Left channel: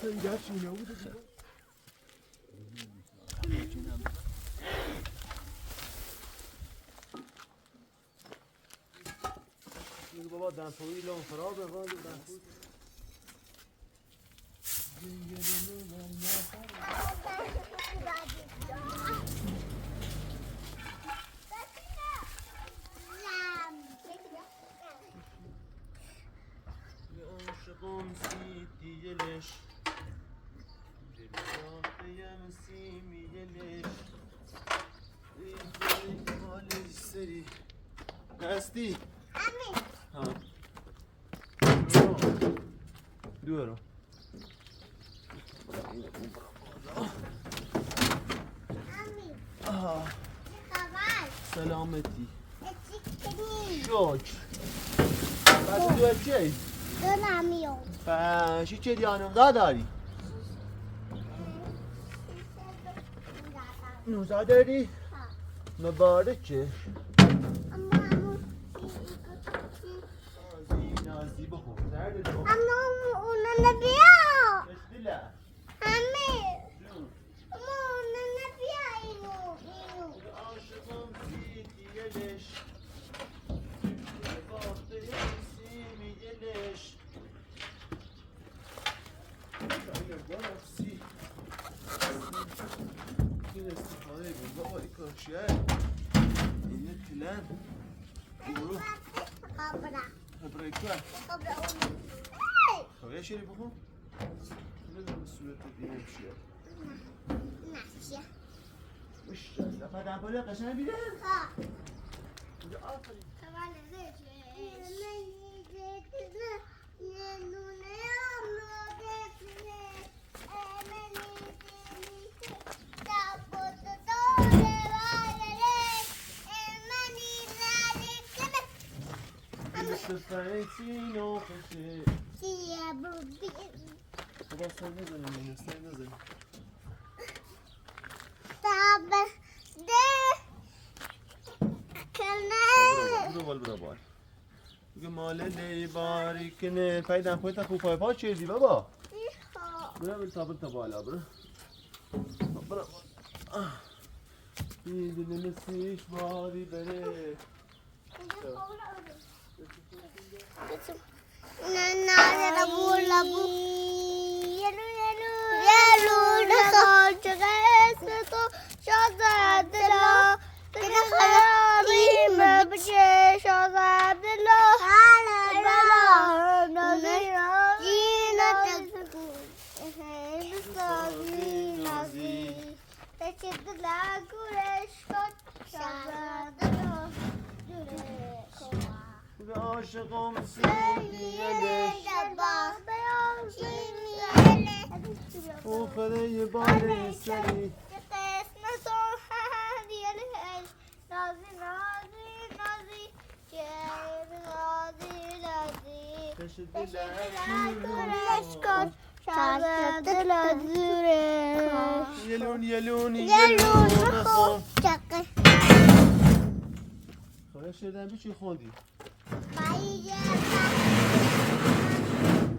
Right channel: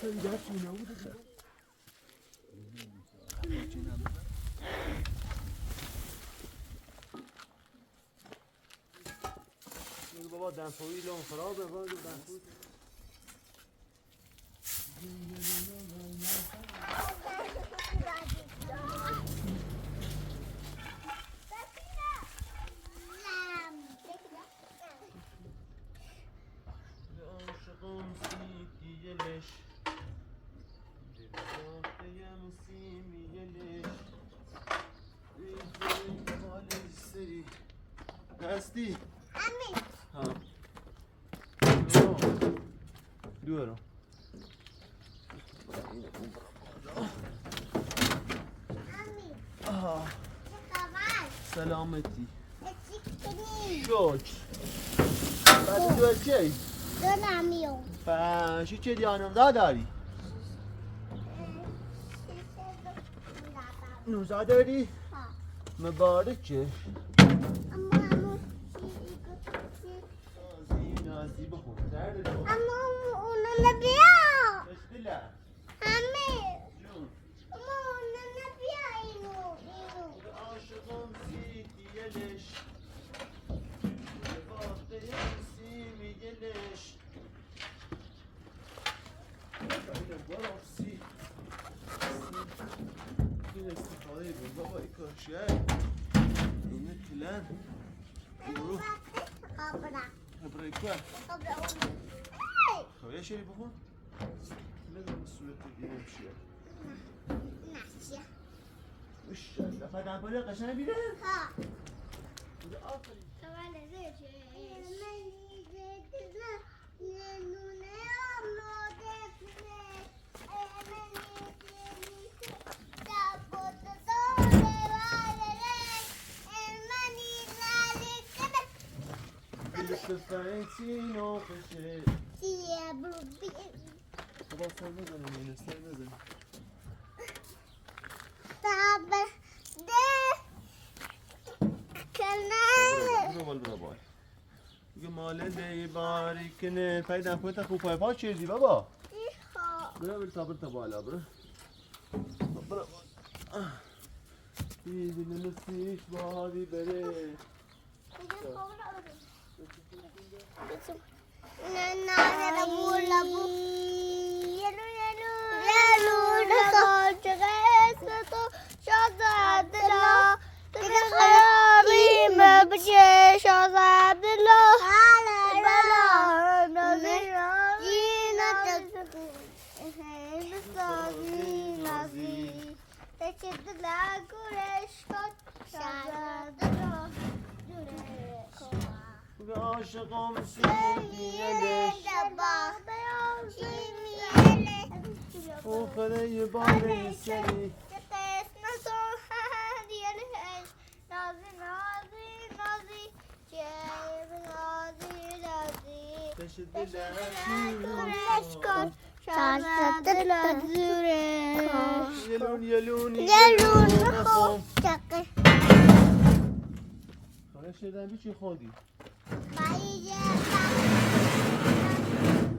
سری گرچی نبوده بابا دنسوی لان فراد دنسوی عاشقم سیدی لش دلم سیمی لش مالی سری هستی؟ ها دورو سلامتی شکر بعد دو چی؟ دو نمیون پنشی چه دیانم داری؟ 19 داری؟ مبارکه نازی بخون اما اونو نبیا بسم الله همه جون اما اونو نبیا اینو عاشقم سیدی یلش باخته یلسی یلش این استفاده بود بابا ای کاشیه اینه تلن برو هبرای که خب یه شیری بخون ندارم صورت دیگه چیه نشیه مشالله فدن پاله قشنگ بیره ها آفرین سفرتی نوخشه خدا سر نزنم من سر نزنم برو بال برو بال بگه ماله دی باری کنه فایدن پایتا خوب پای پا چیزی بابا برو تا بالا برو برو بیدی نمسیش باری بره عاشقم سیدیلش آخره یه بار سری یلون خدا شدن بیچی خودی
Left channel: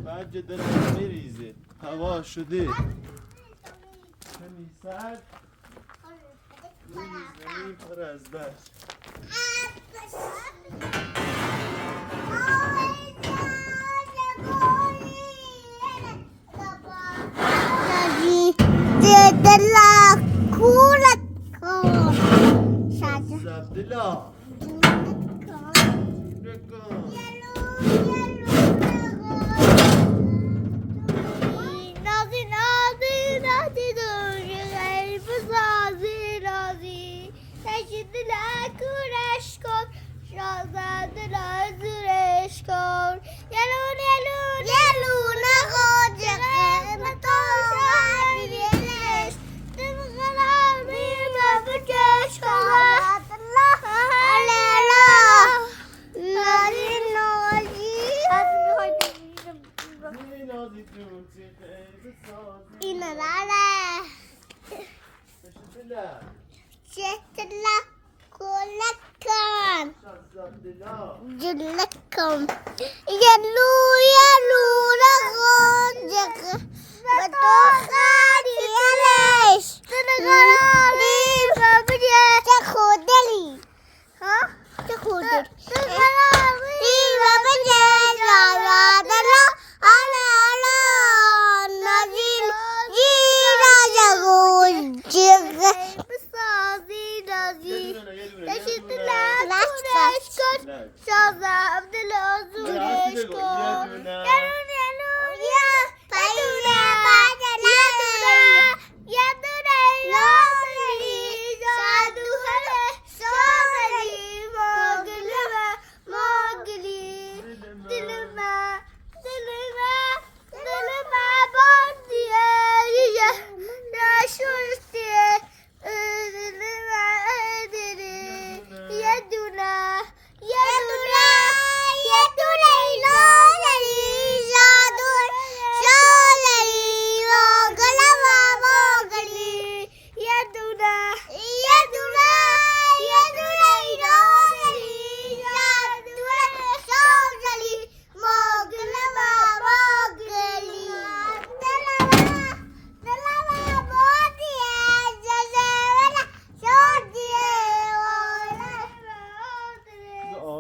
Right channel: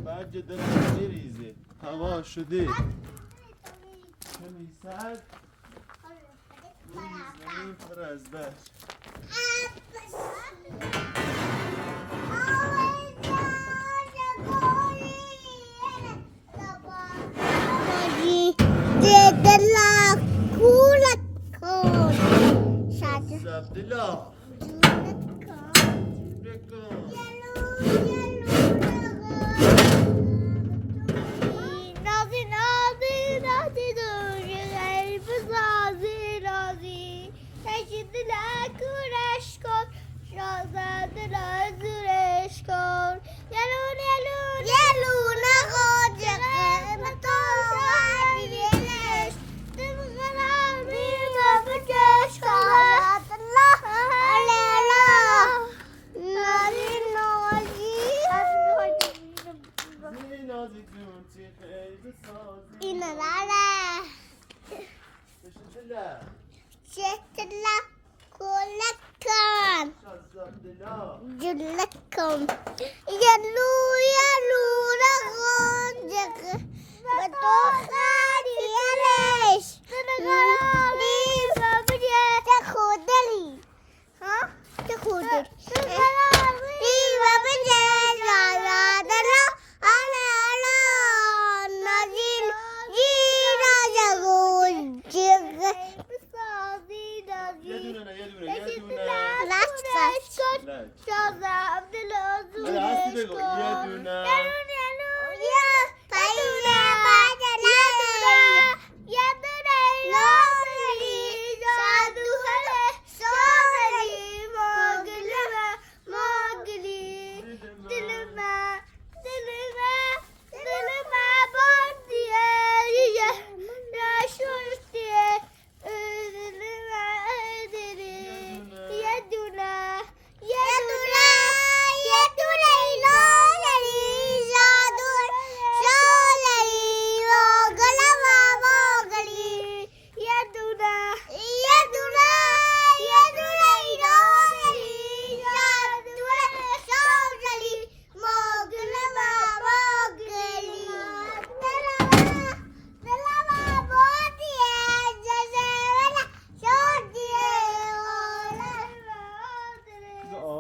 بعد دارم میریزه هوا شده خیلی سرد زمین پر از برف Abdullah. Julakum. Yalu yalu na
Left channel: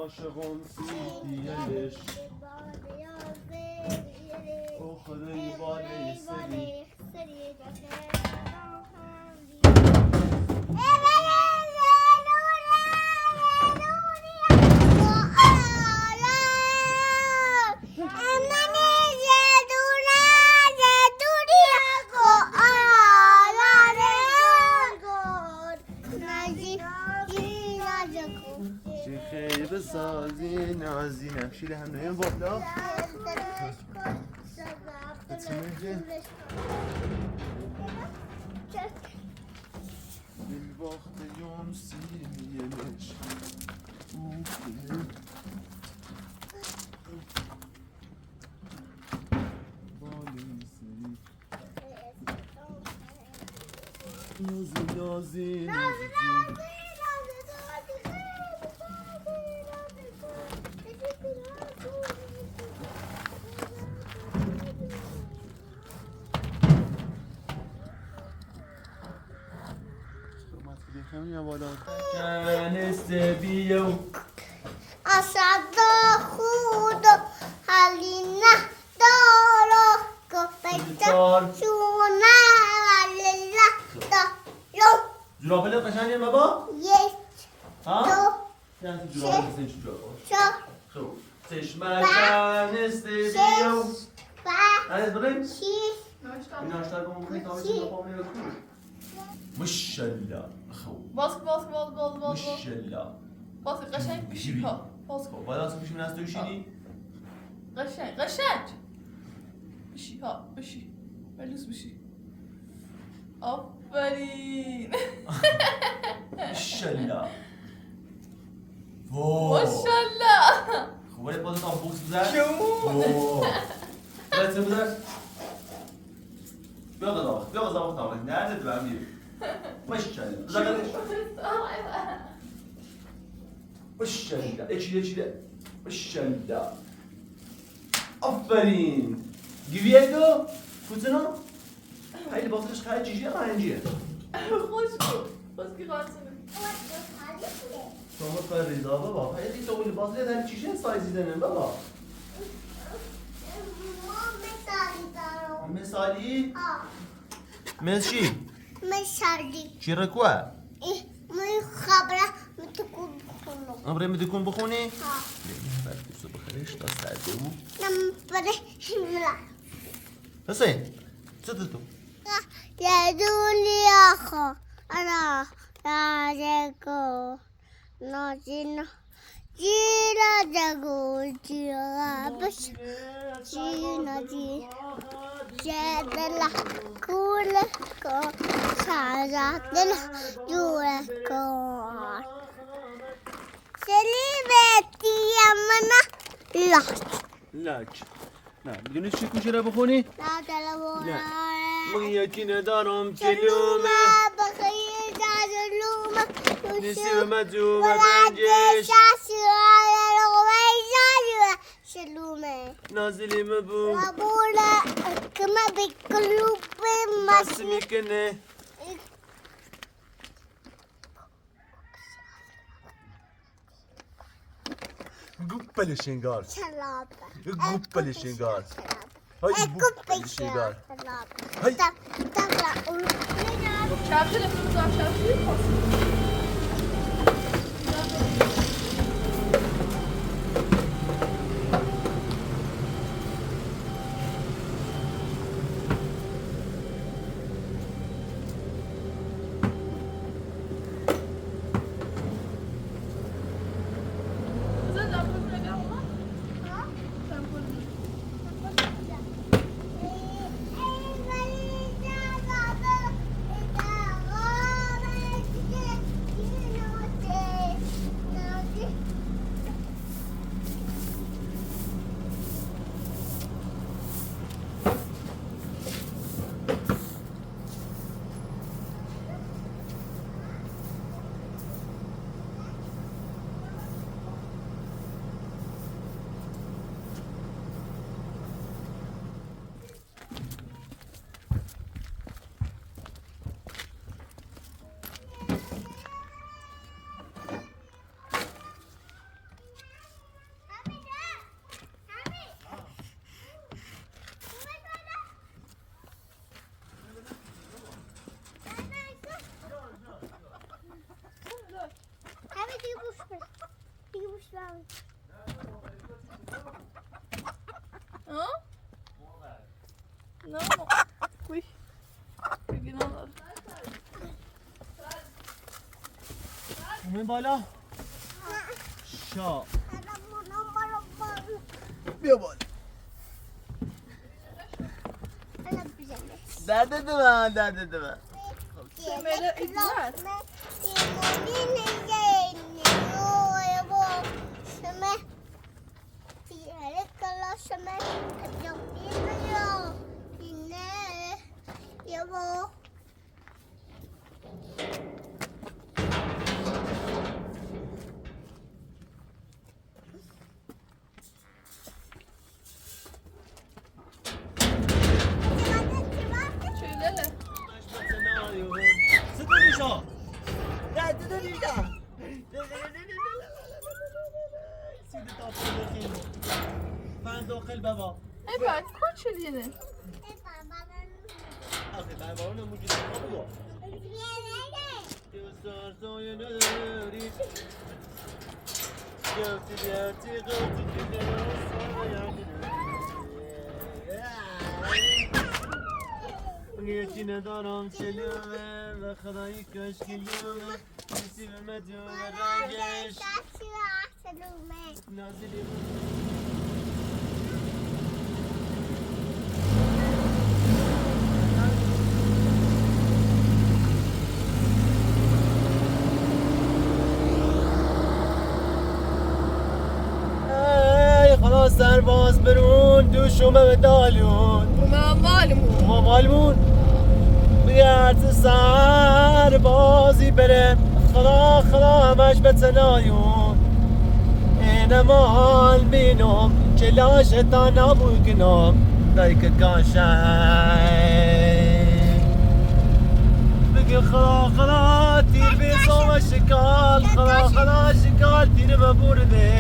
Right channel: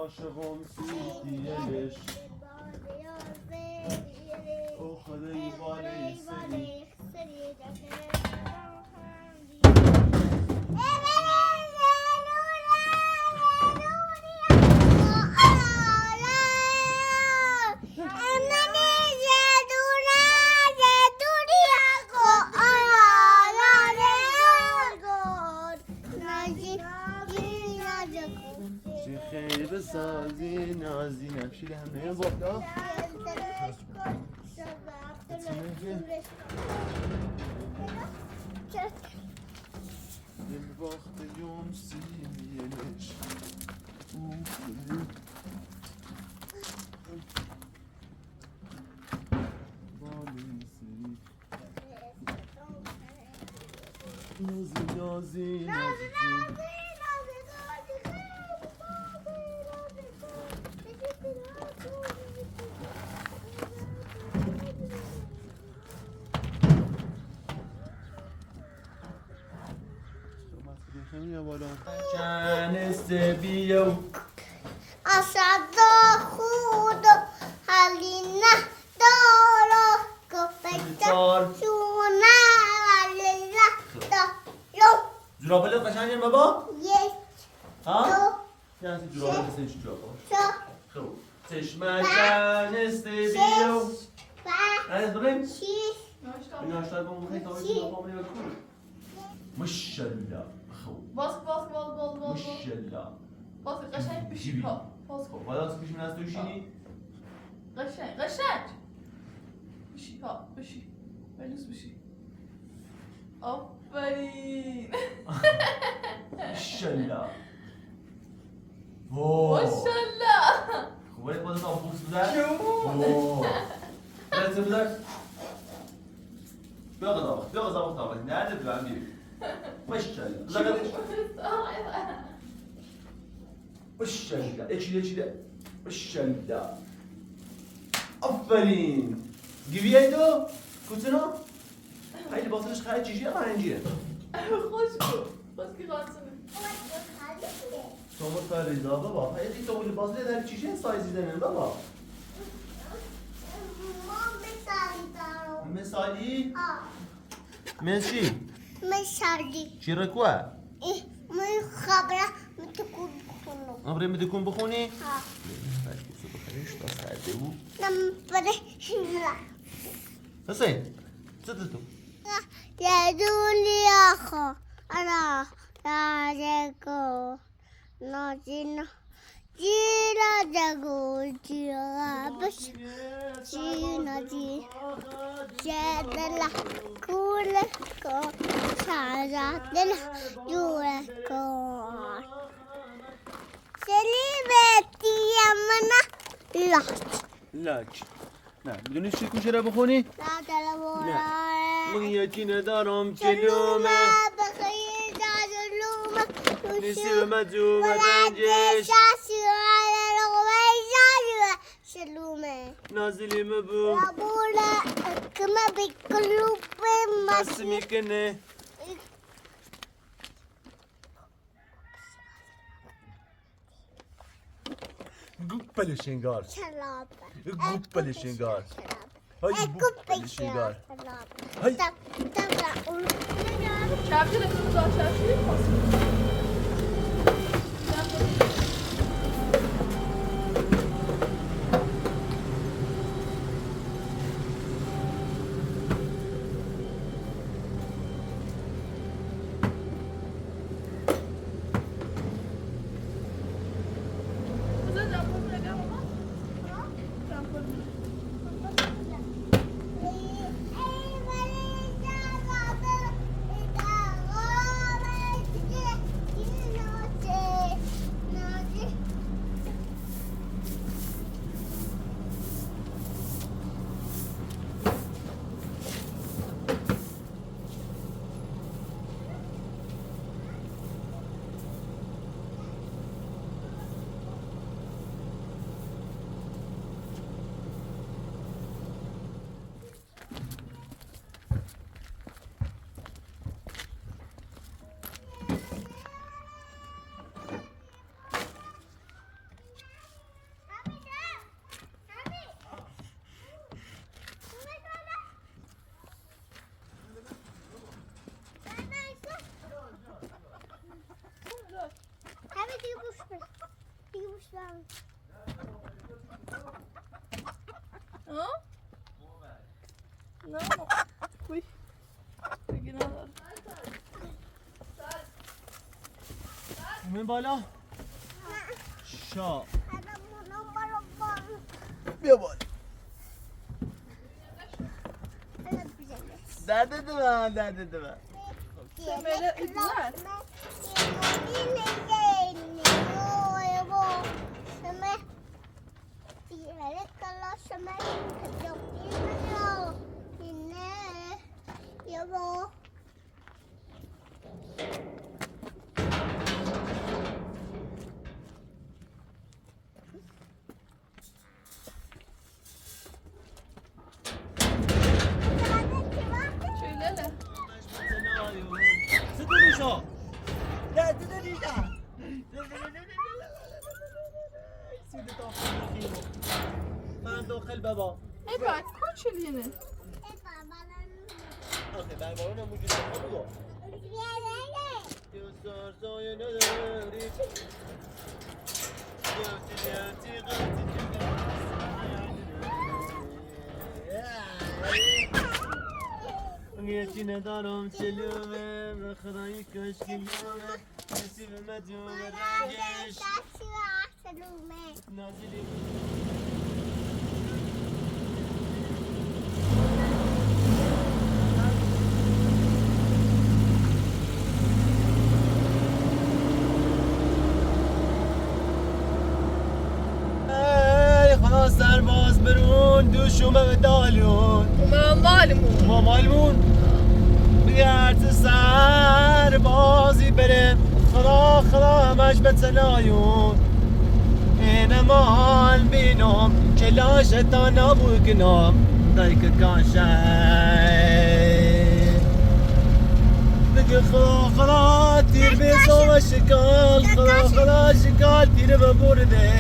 عاشقان سیدیلش او خدای بالای سری خیلی بسازی نازی نفشیل همه بالا دل باخت یون سیمیلش بالای سری نازی أسعد خود حلينا دارو كفتة شونا ولله دارو جورابله قشنگه بابا؟ يس ها؟ یعنی جورابله بسید چی جورابله؟ خوب چشمه کنسته بیو هنیز بریم؟ این آشتر با مخی کامل چی با میاد کنه ماشالله خوب باز ماشالله باز قشنگ بشی ها باز کن باید از بشیم از دوشینی؟ قشنگ بشی ها بشی بلوز بشی آفرین ماشالله ماشالله خوب باید باید از بوکس بزر؟ باید بزر؟ بیا قضا مختار nerede güvenliği? Maşallah. Maşallah. Ekşile. Maşallah. Aferin. Giviendo. Kuzino. Haydi basırış kayıt cici rayıncı. خوش که خواهد Sonra Ferida baba. Haydi de öyle basırı der cici size'den baba. Mesali. ماشي مشهدي شي ركوع إيه ما خبرة متكون بخونو أمري ما تكون بخوني ها بخريش تصعدو نمبره لا حسين صدتو يا دولي أخو أنا راجعكو نازينا جيرا جاكو جيرا بس جينا جي جدلا كولكو شعراتنا جولكو سليبتي يمنا لاج نه بدونی چی میشه رو بخونی؟ لا تلونا من یکی ندارم جلومه بخیر جلومه نیسی و مجوم رنجش شلومه نازلی مبو رابولا كما بقلوب دست مصر میکنه گوپل شنگار سلابة گوپل شنگار های گوپل شنگار سلابة های Çarşı da bunu daha çarşı yapmasın. Güzel lafını ne ama? Lafını. Ja? No. Oj. Vilken annan? من بالا شا بیا بالا درد من درد من Semele idler. Söylele. سدونشا من داخل بابا Evet, koç elini. آخه بابا نموجود بابا دوستار سایه نداری یکی ندارم شلومه و خدایی کاش کلومه کسی به مدیون رنگش نازلی خلاص سرباز برون دوشومه به دالون Umarım valim ما مالمون بگرد سر بازی بره خلا خلا همش به تنایون این مال بینم کلاش تا نبود کنم دایک کاشه بگه خلا خلا تیر بیزا و شکال خلا خلا شکال تیر ببرده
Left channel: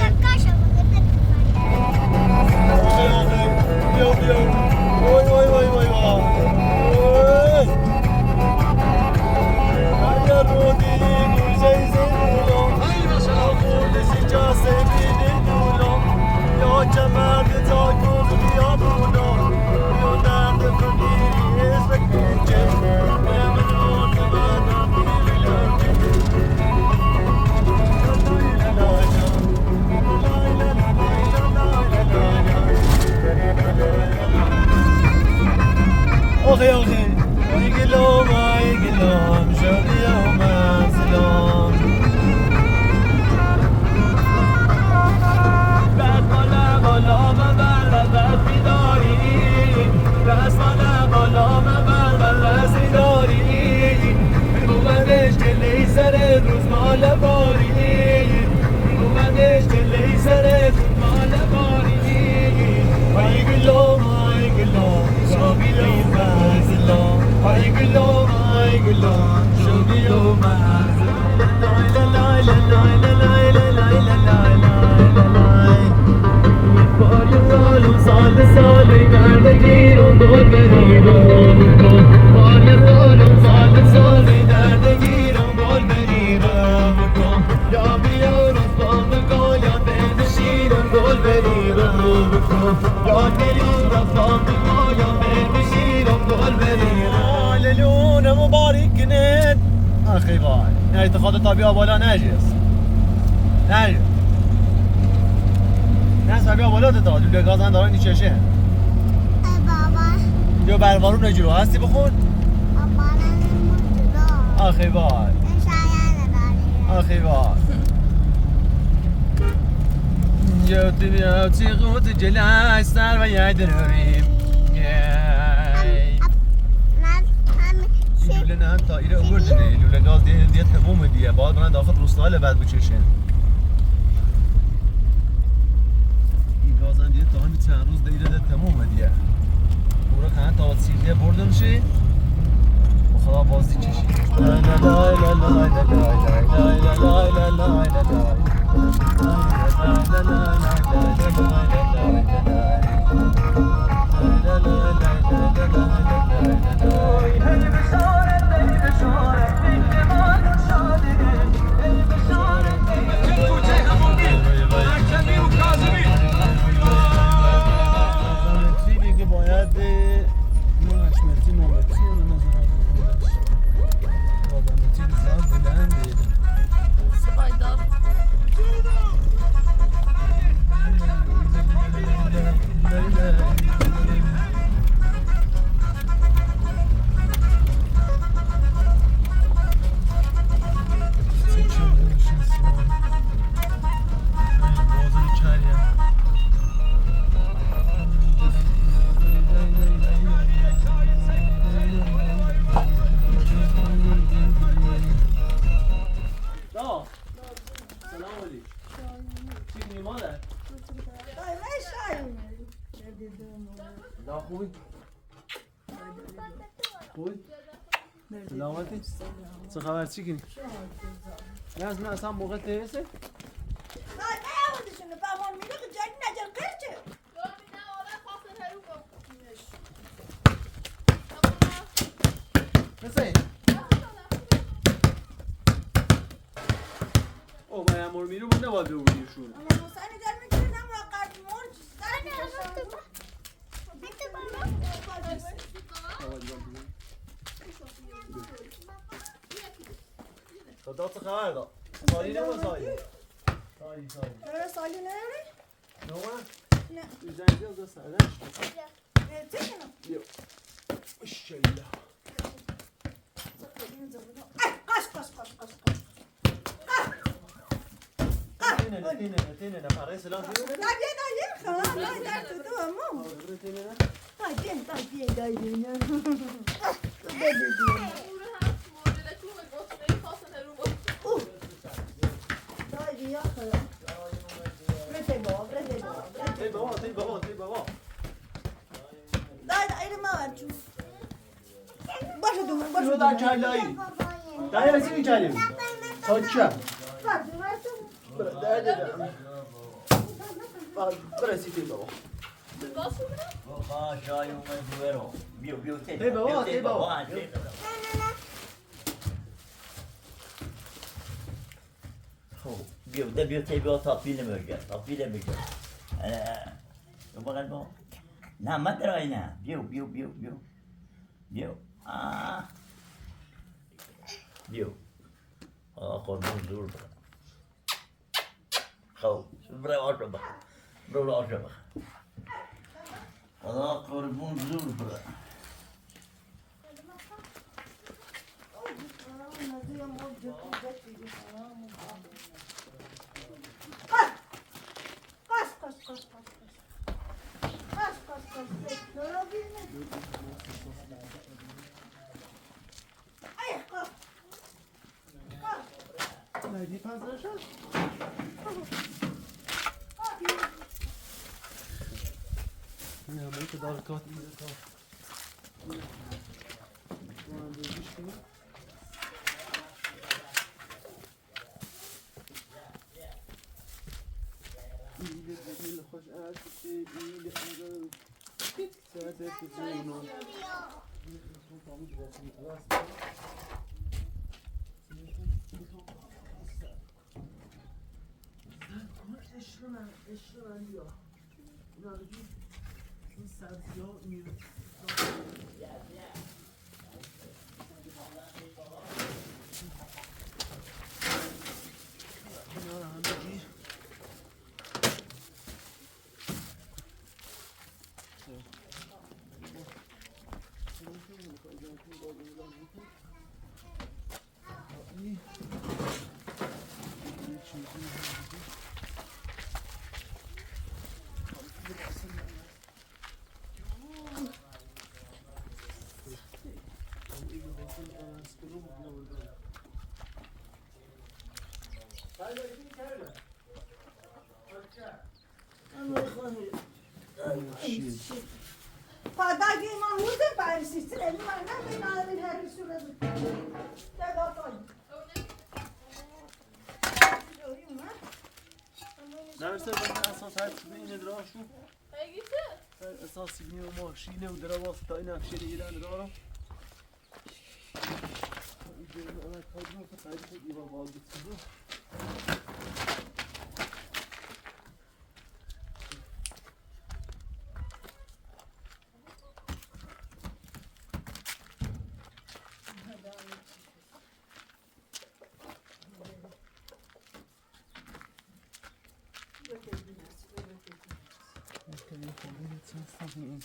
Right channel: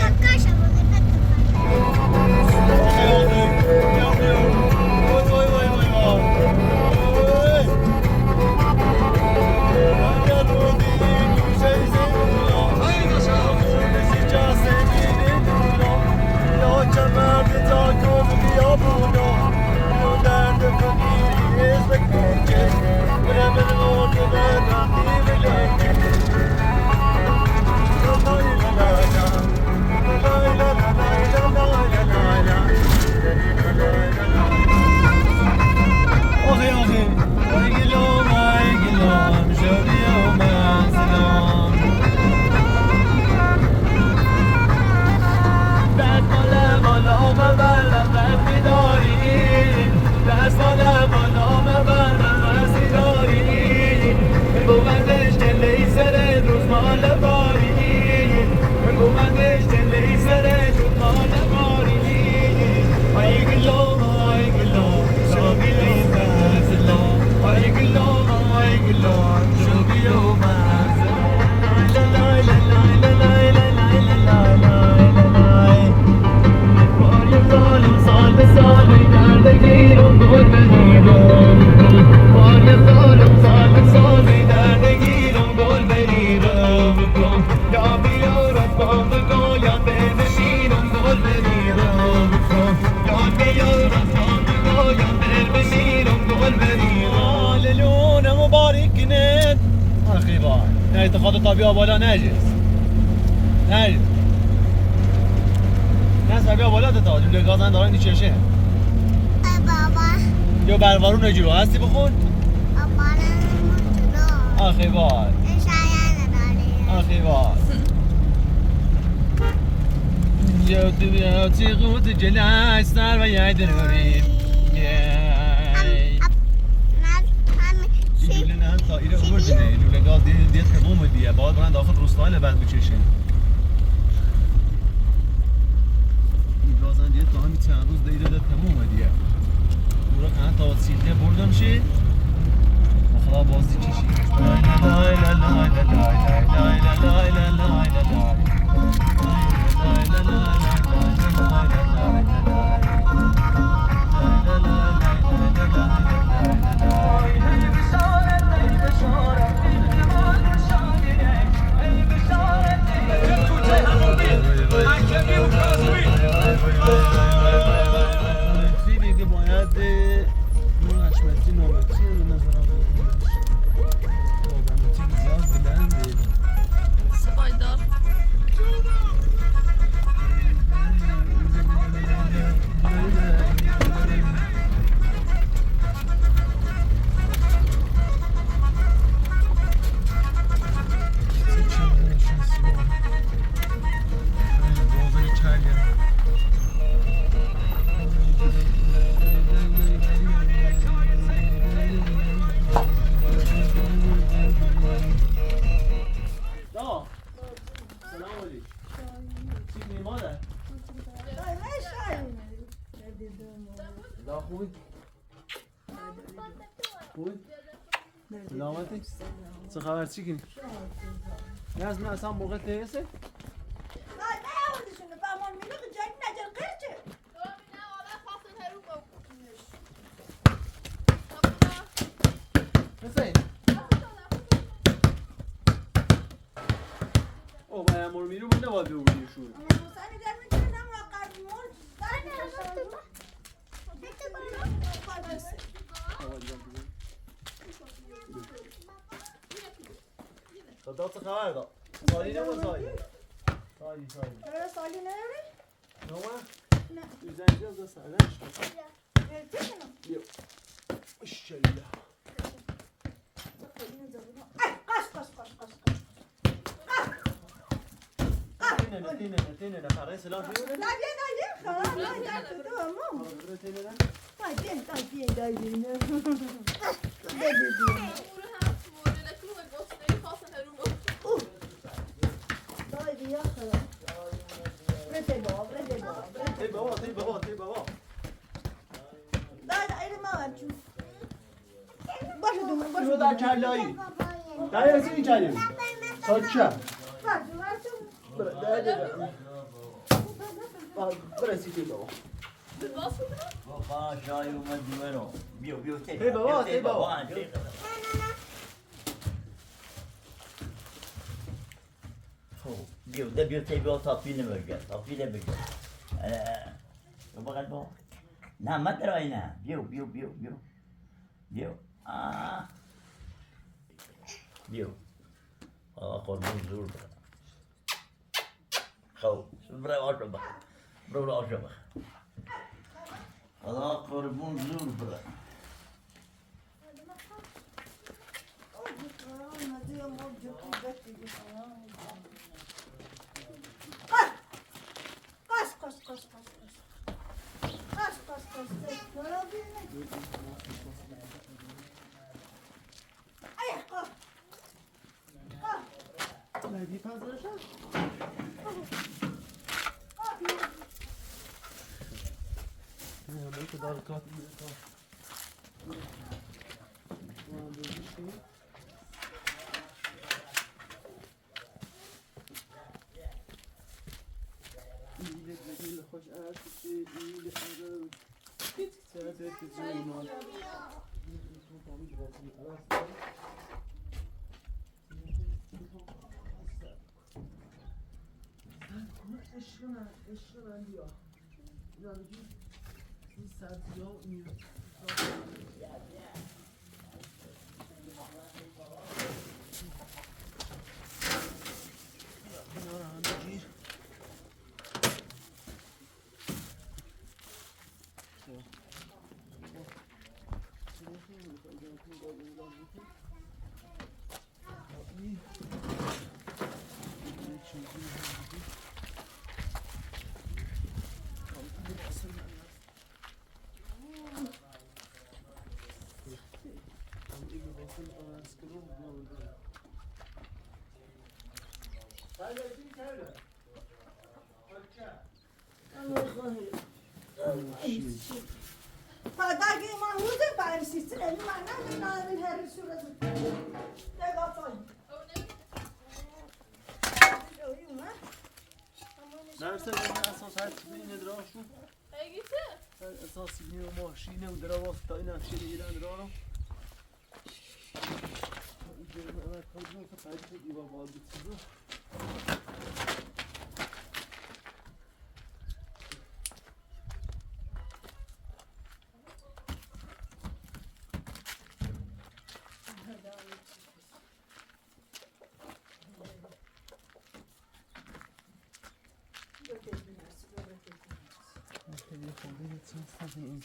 آخی وای نه اعتقاد تا بیا بالا نجس نه نه بیا بالا تا لوله گازن دارن نیچشه ای بابا لو بروارون نجلو هستی بخون بابا نموتنا آخی وای شاید نداری آخی وای یادی بیاتی قوت جلای سر و یاد رویم لوله نه هم تایره اومده لوله گاز دیت تموم دیگه باید برن داخل روستایل بعد بچشن این گازن دیت تا همین چند روز دیره ده تموم دیگه برو کنن تا سیلیه بردم شی خدا بازی چشی لای لای لای لای لای لای لای لای لای لای Spider. سلام علیکم چی مادر دا خوبی خوبی سلامتی چه خبر چی کنی نه اصلا موقع تیسه Nasıl? O bayağı mor miru bu ne var diyor bu şu. خدا تو خبر داد. سالی نمون سالی. سالی. سالی نداره؟ نمون؟ نه. Güzel da sağdan işte. Yok. İnşallah. Tenene para selam söyle. Şunu da kellayı. Ben yesin içelim. Saçça. برسی تی بابا بابا شای اومد دوباره بیو تی بابا خب بیو تی بابا تاپیل مرگه بابا کنم نه مدرای نه بیو قربون زور برا خب برای آشو بخ برو آشو بخ خدا قربون زور برا Najdi pan zresztą? Nie, no i to daleko. İyi hoş artık iyi de git sadece tezunun. Eşyalar diyor. Yani bir sertiyor. Padagi man huze parisistin elin annem de nareleri süredi. Ne kapayım? درسته بنا اساس هر چیزی اینه دراشون هیگیته؟ اساس اینه و ماشینه و درواز تا این افشه ایران درارم اینجا انا کادرو که تعریف ایوا باز بتیزو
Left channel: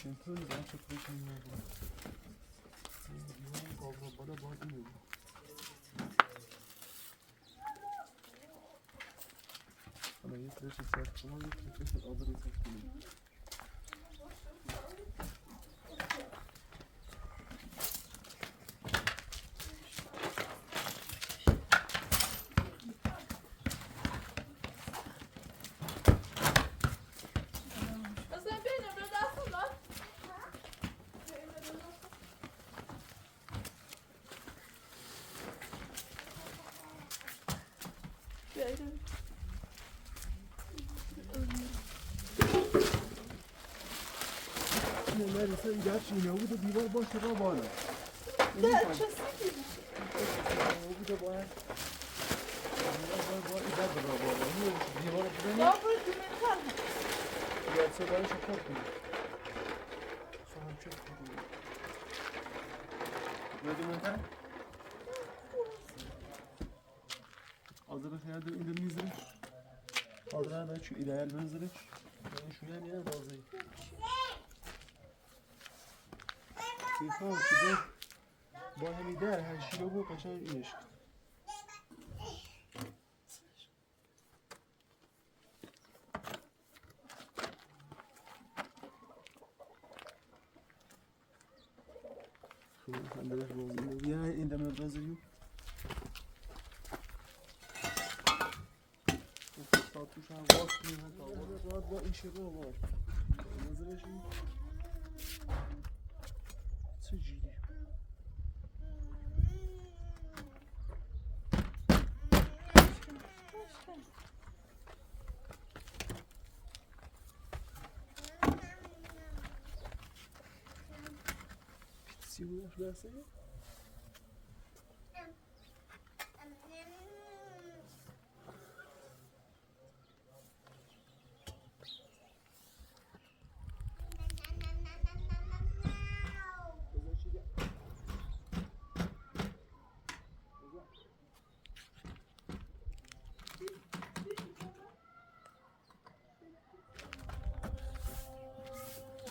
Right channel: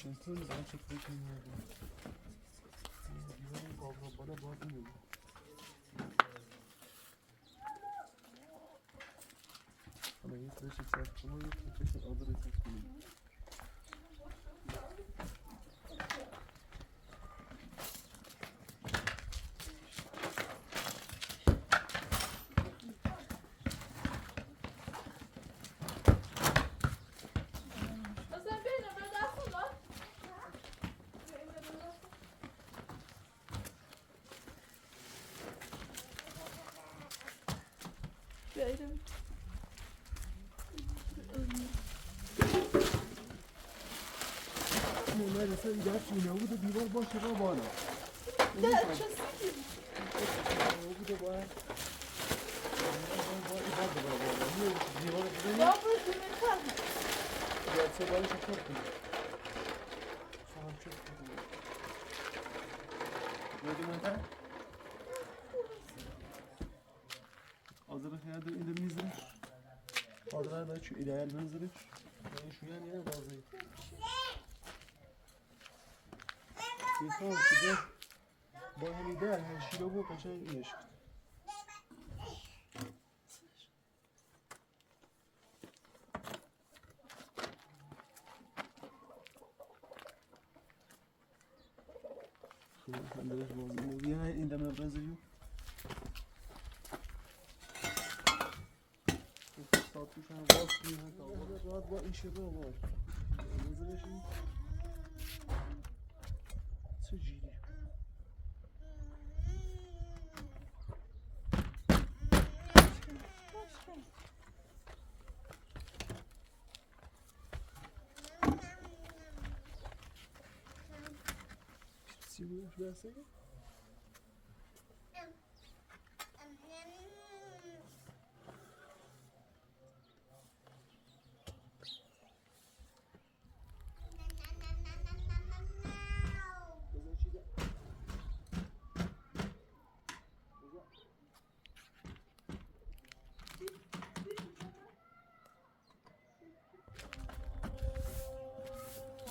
این طول دارم چک بکنیم دیوارم قابل بالا باید اینه بود حالا یک رشت سرد شما یک رشت آدر سرد کنیم نرسه ایده هرچی اینه بود و دیوار باشه را بالا نه بوده باید ایده را بالا دیوار رو بزنیم باید سه باید شکر کنیم خواهم چک کنیم باید منتر آزده خیلی در این در میزرش آزده باید چو ایده منزرش شویم یه بازه میخوام شده با همیده هرشی رو بود قشنگ اینش کن خب من درش بازی اینو بیا این دم بزریو ساعت توش هم باز کنیم هم تا باید با این شروع باش بزرش این چه جیری پیتسی بودش برسه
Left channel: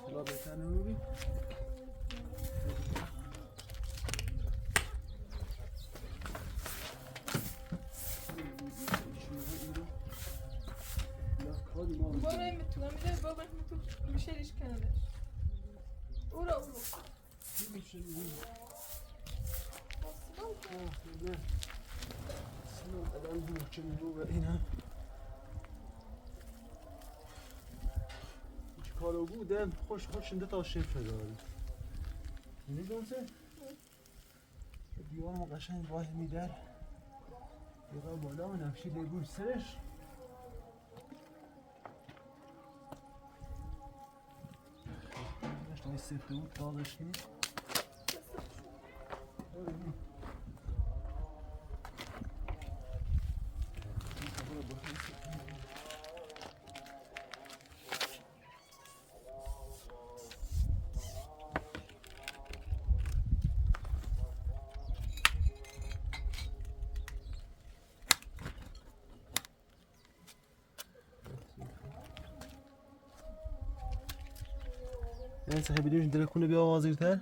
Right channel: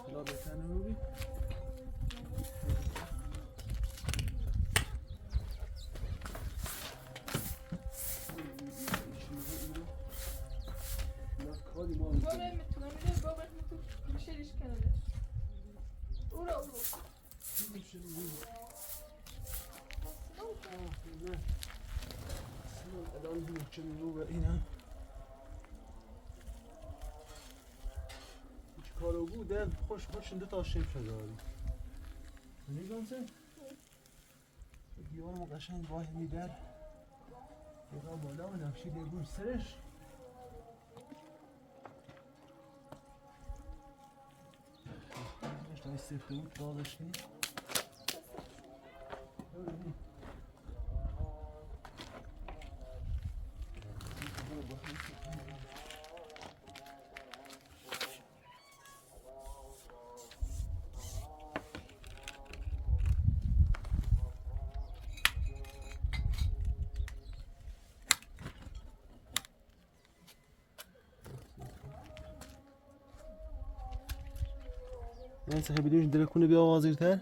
حالا بهتنه رو بی برای میتونم میده بابت میتونم میشریش کنه اورا الان محکمی رو و اینم کارو بودم خوش شنده تا شیف داری نگاه چه؟ دیوار ما قشنگ واه میدر دیگه بالا و نقشی لیبون سرش تا این سفته بود دادش کنی من سه بیدیم دل کنه بیا آوازیرتر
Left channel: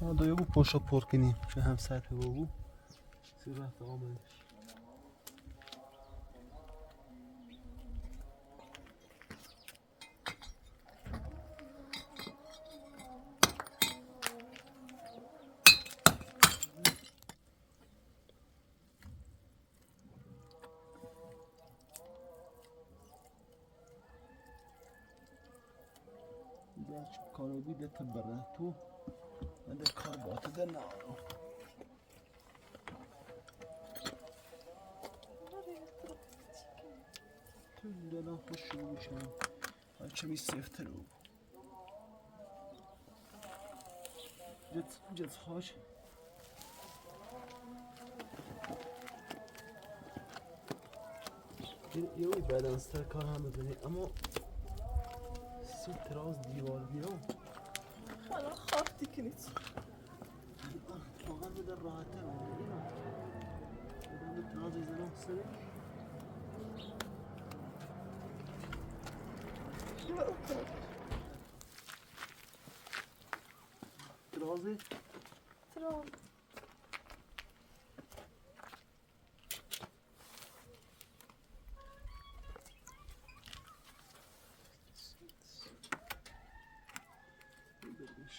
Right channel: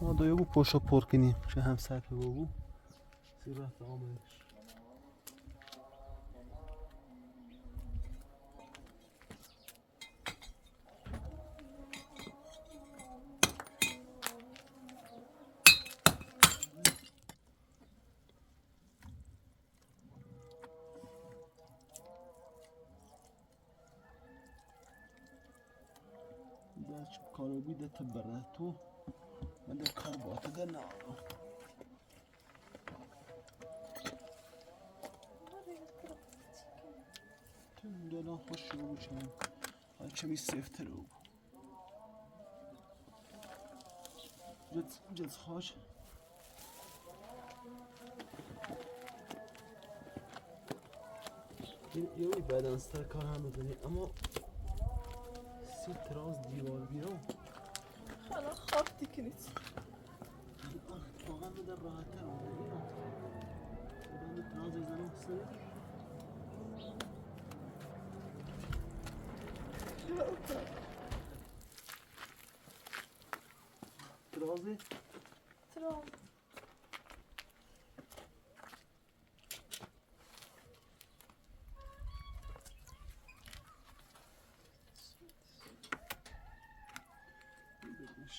ما دو یکو پشت پر کنیم چه هم سطح بابو سیر رفت آمدش کارو بیده تبره تو من در کار باته در نارو تو اینجا خوش شروع بشم بچه می سفتر رو جت خوش یه بدنستر کار هم بزنی اما سی تراز دیوار بیرون حالا خاک دیکنید واقعا بده راحت تر اونه اینا بدن تراز بزنم سره ترازه تراز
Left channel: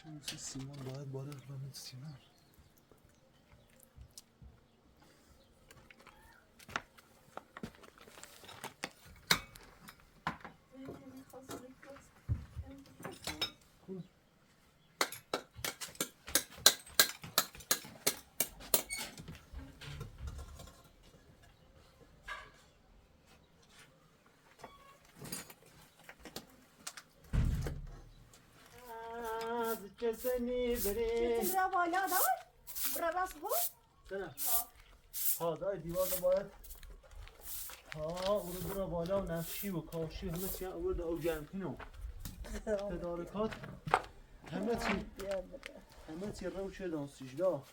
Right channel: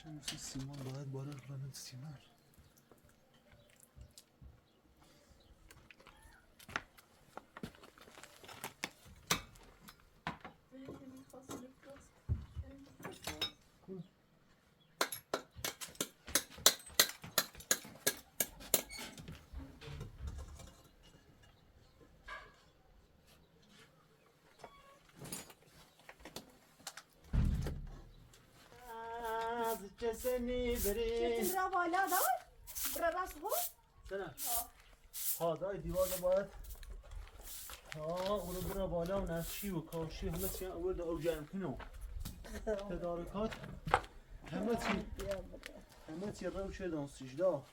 شمسی سیمان باید بالا رمید سیمان کسانی بری چطور را بالا دار؟ برا راست بود؟ سنه ها دای دیوار باید ها اونو برا بالا و نقشی و کاشی همه چی اول او جمع کنو تدارکات همه چی رو شد دانسیش دا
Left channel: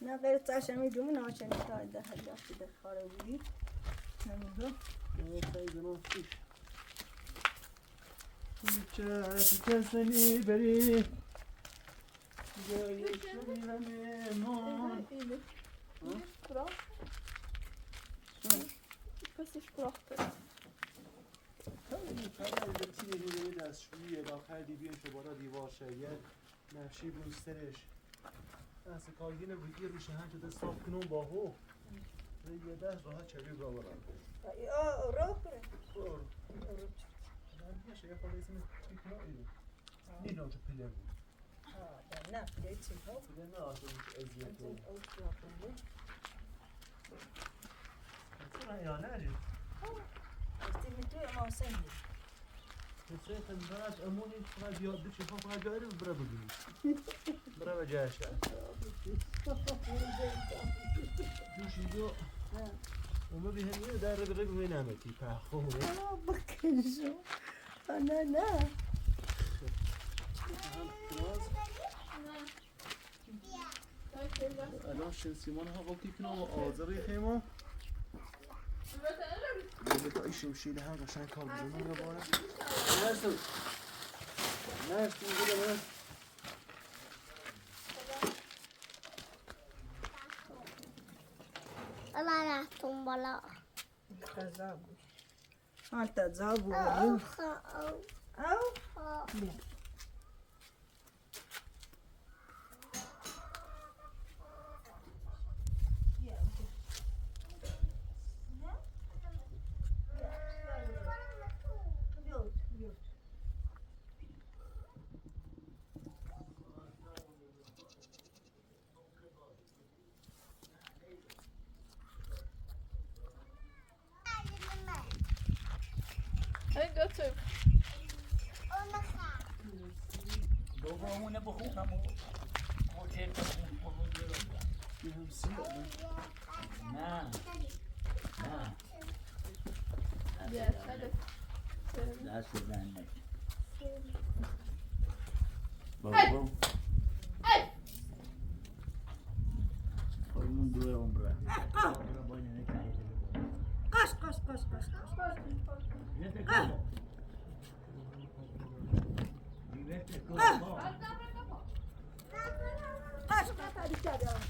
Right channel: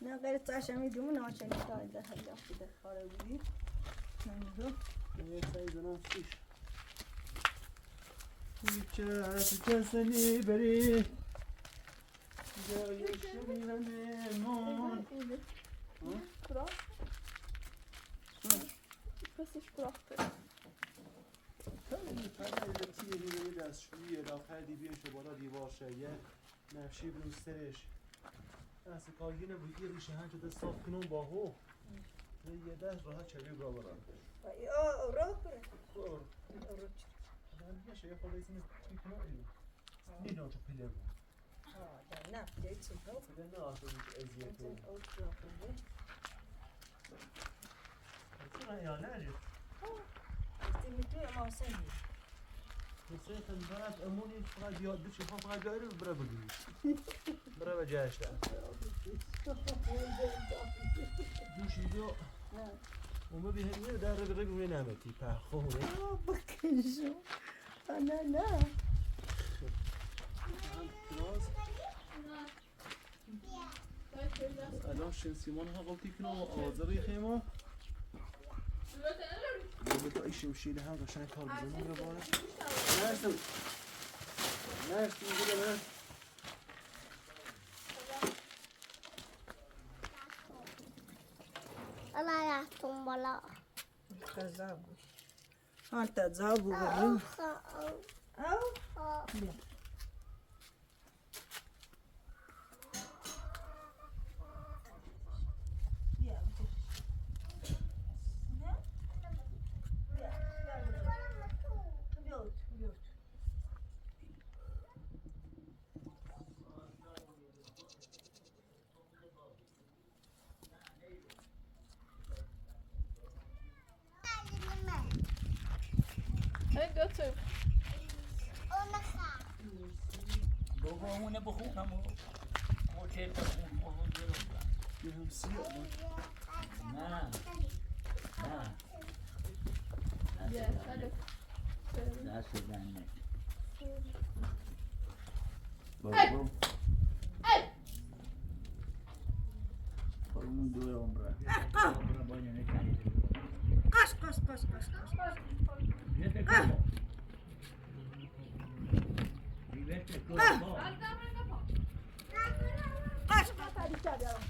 نه غیر تاشمی جمعه ناشنی داده هر دستی در خاره بودید نمیدون یه سایز نانسیش کسانی بری جای شمیرم ایمان Kurak. Pesiş kuraktır. خیلی لبسی یه دیگه دستشویی داخل دیوی شبارا دیوار شیه نقشی بروسترش دست کارگینه بودی روشه هنچه دست صاف کنون با هو یه دست راحت چلیو برا برا رو کنه من دیگه شیه خورده ایسیم تیکنا ایرو نیدان تو پله بود نه پله چی ها پله نه آسان ازیه تو چرا یا نجی میتونه ما سنگی بسیار خندانت امونی فقط یاد بچه فقط جایی رو برا بگیری برا به جایش دوش اینجا اون ببینه در رو بگو می نمتی پخونه بکشو نه تراز الان شمسیمان ها قلتی کنم و آزاری خیمو بتا ای شمشیل هم قشنگ کار بزنم رو باره نرسو نرسو نرسو الله رفتم بالا خزابو انت زابو او او Hadi götür. دومونه بخونم اوکی بخون یه هم سیاه نه نه Gel hadi. دست زنه بابا کلون دوه عمره قش Vete como? Vivete todo.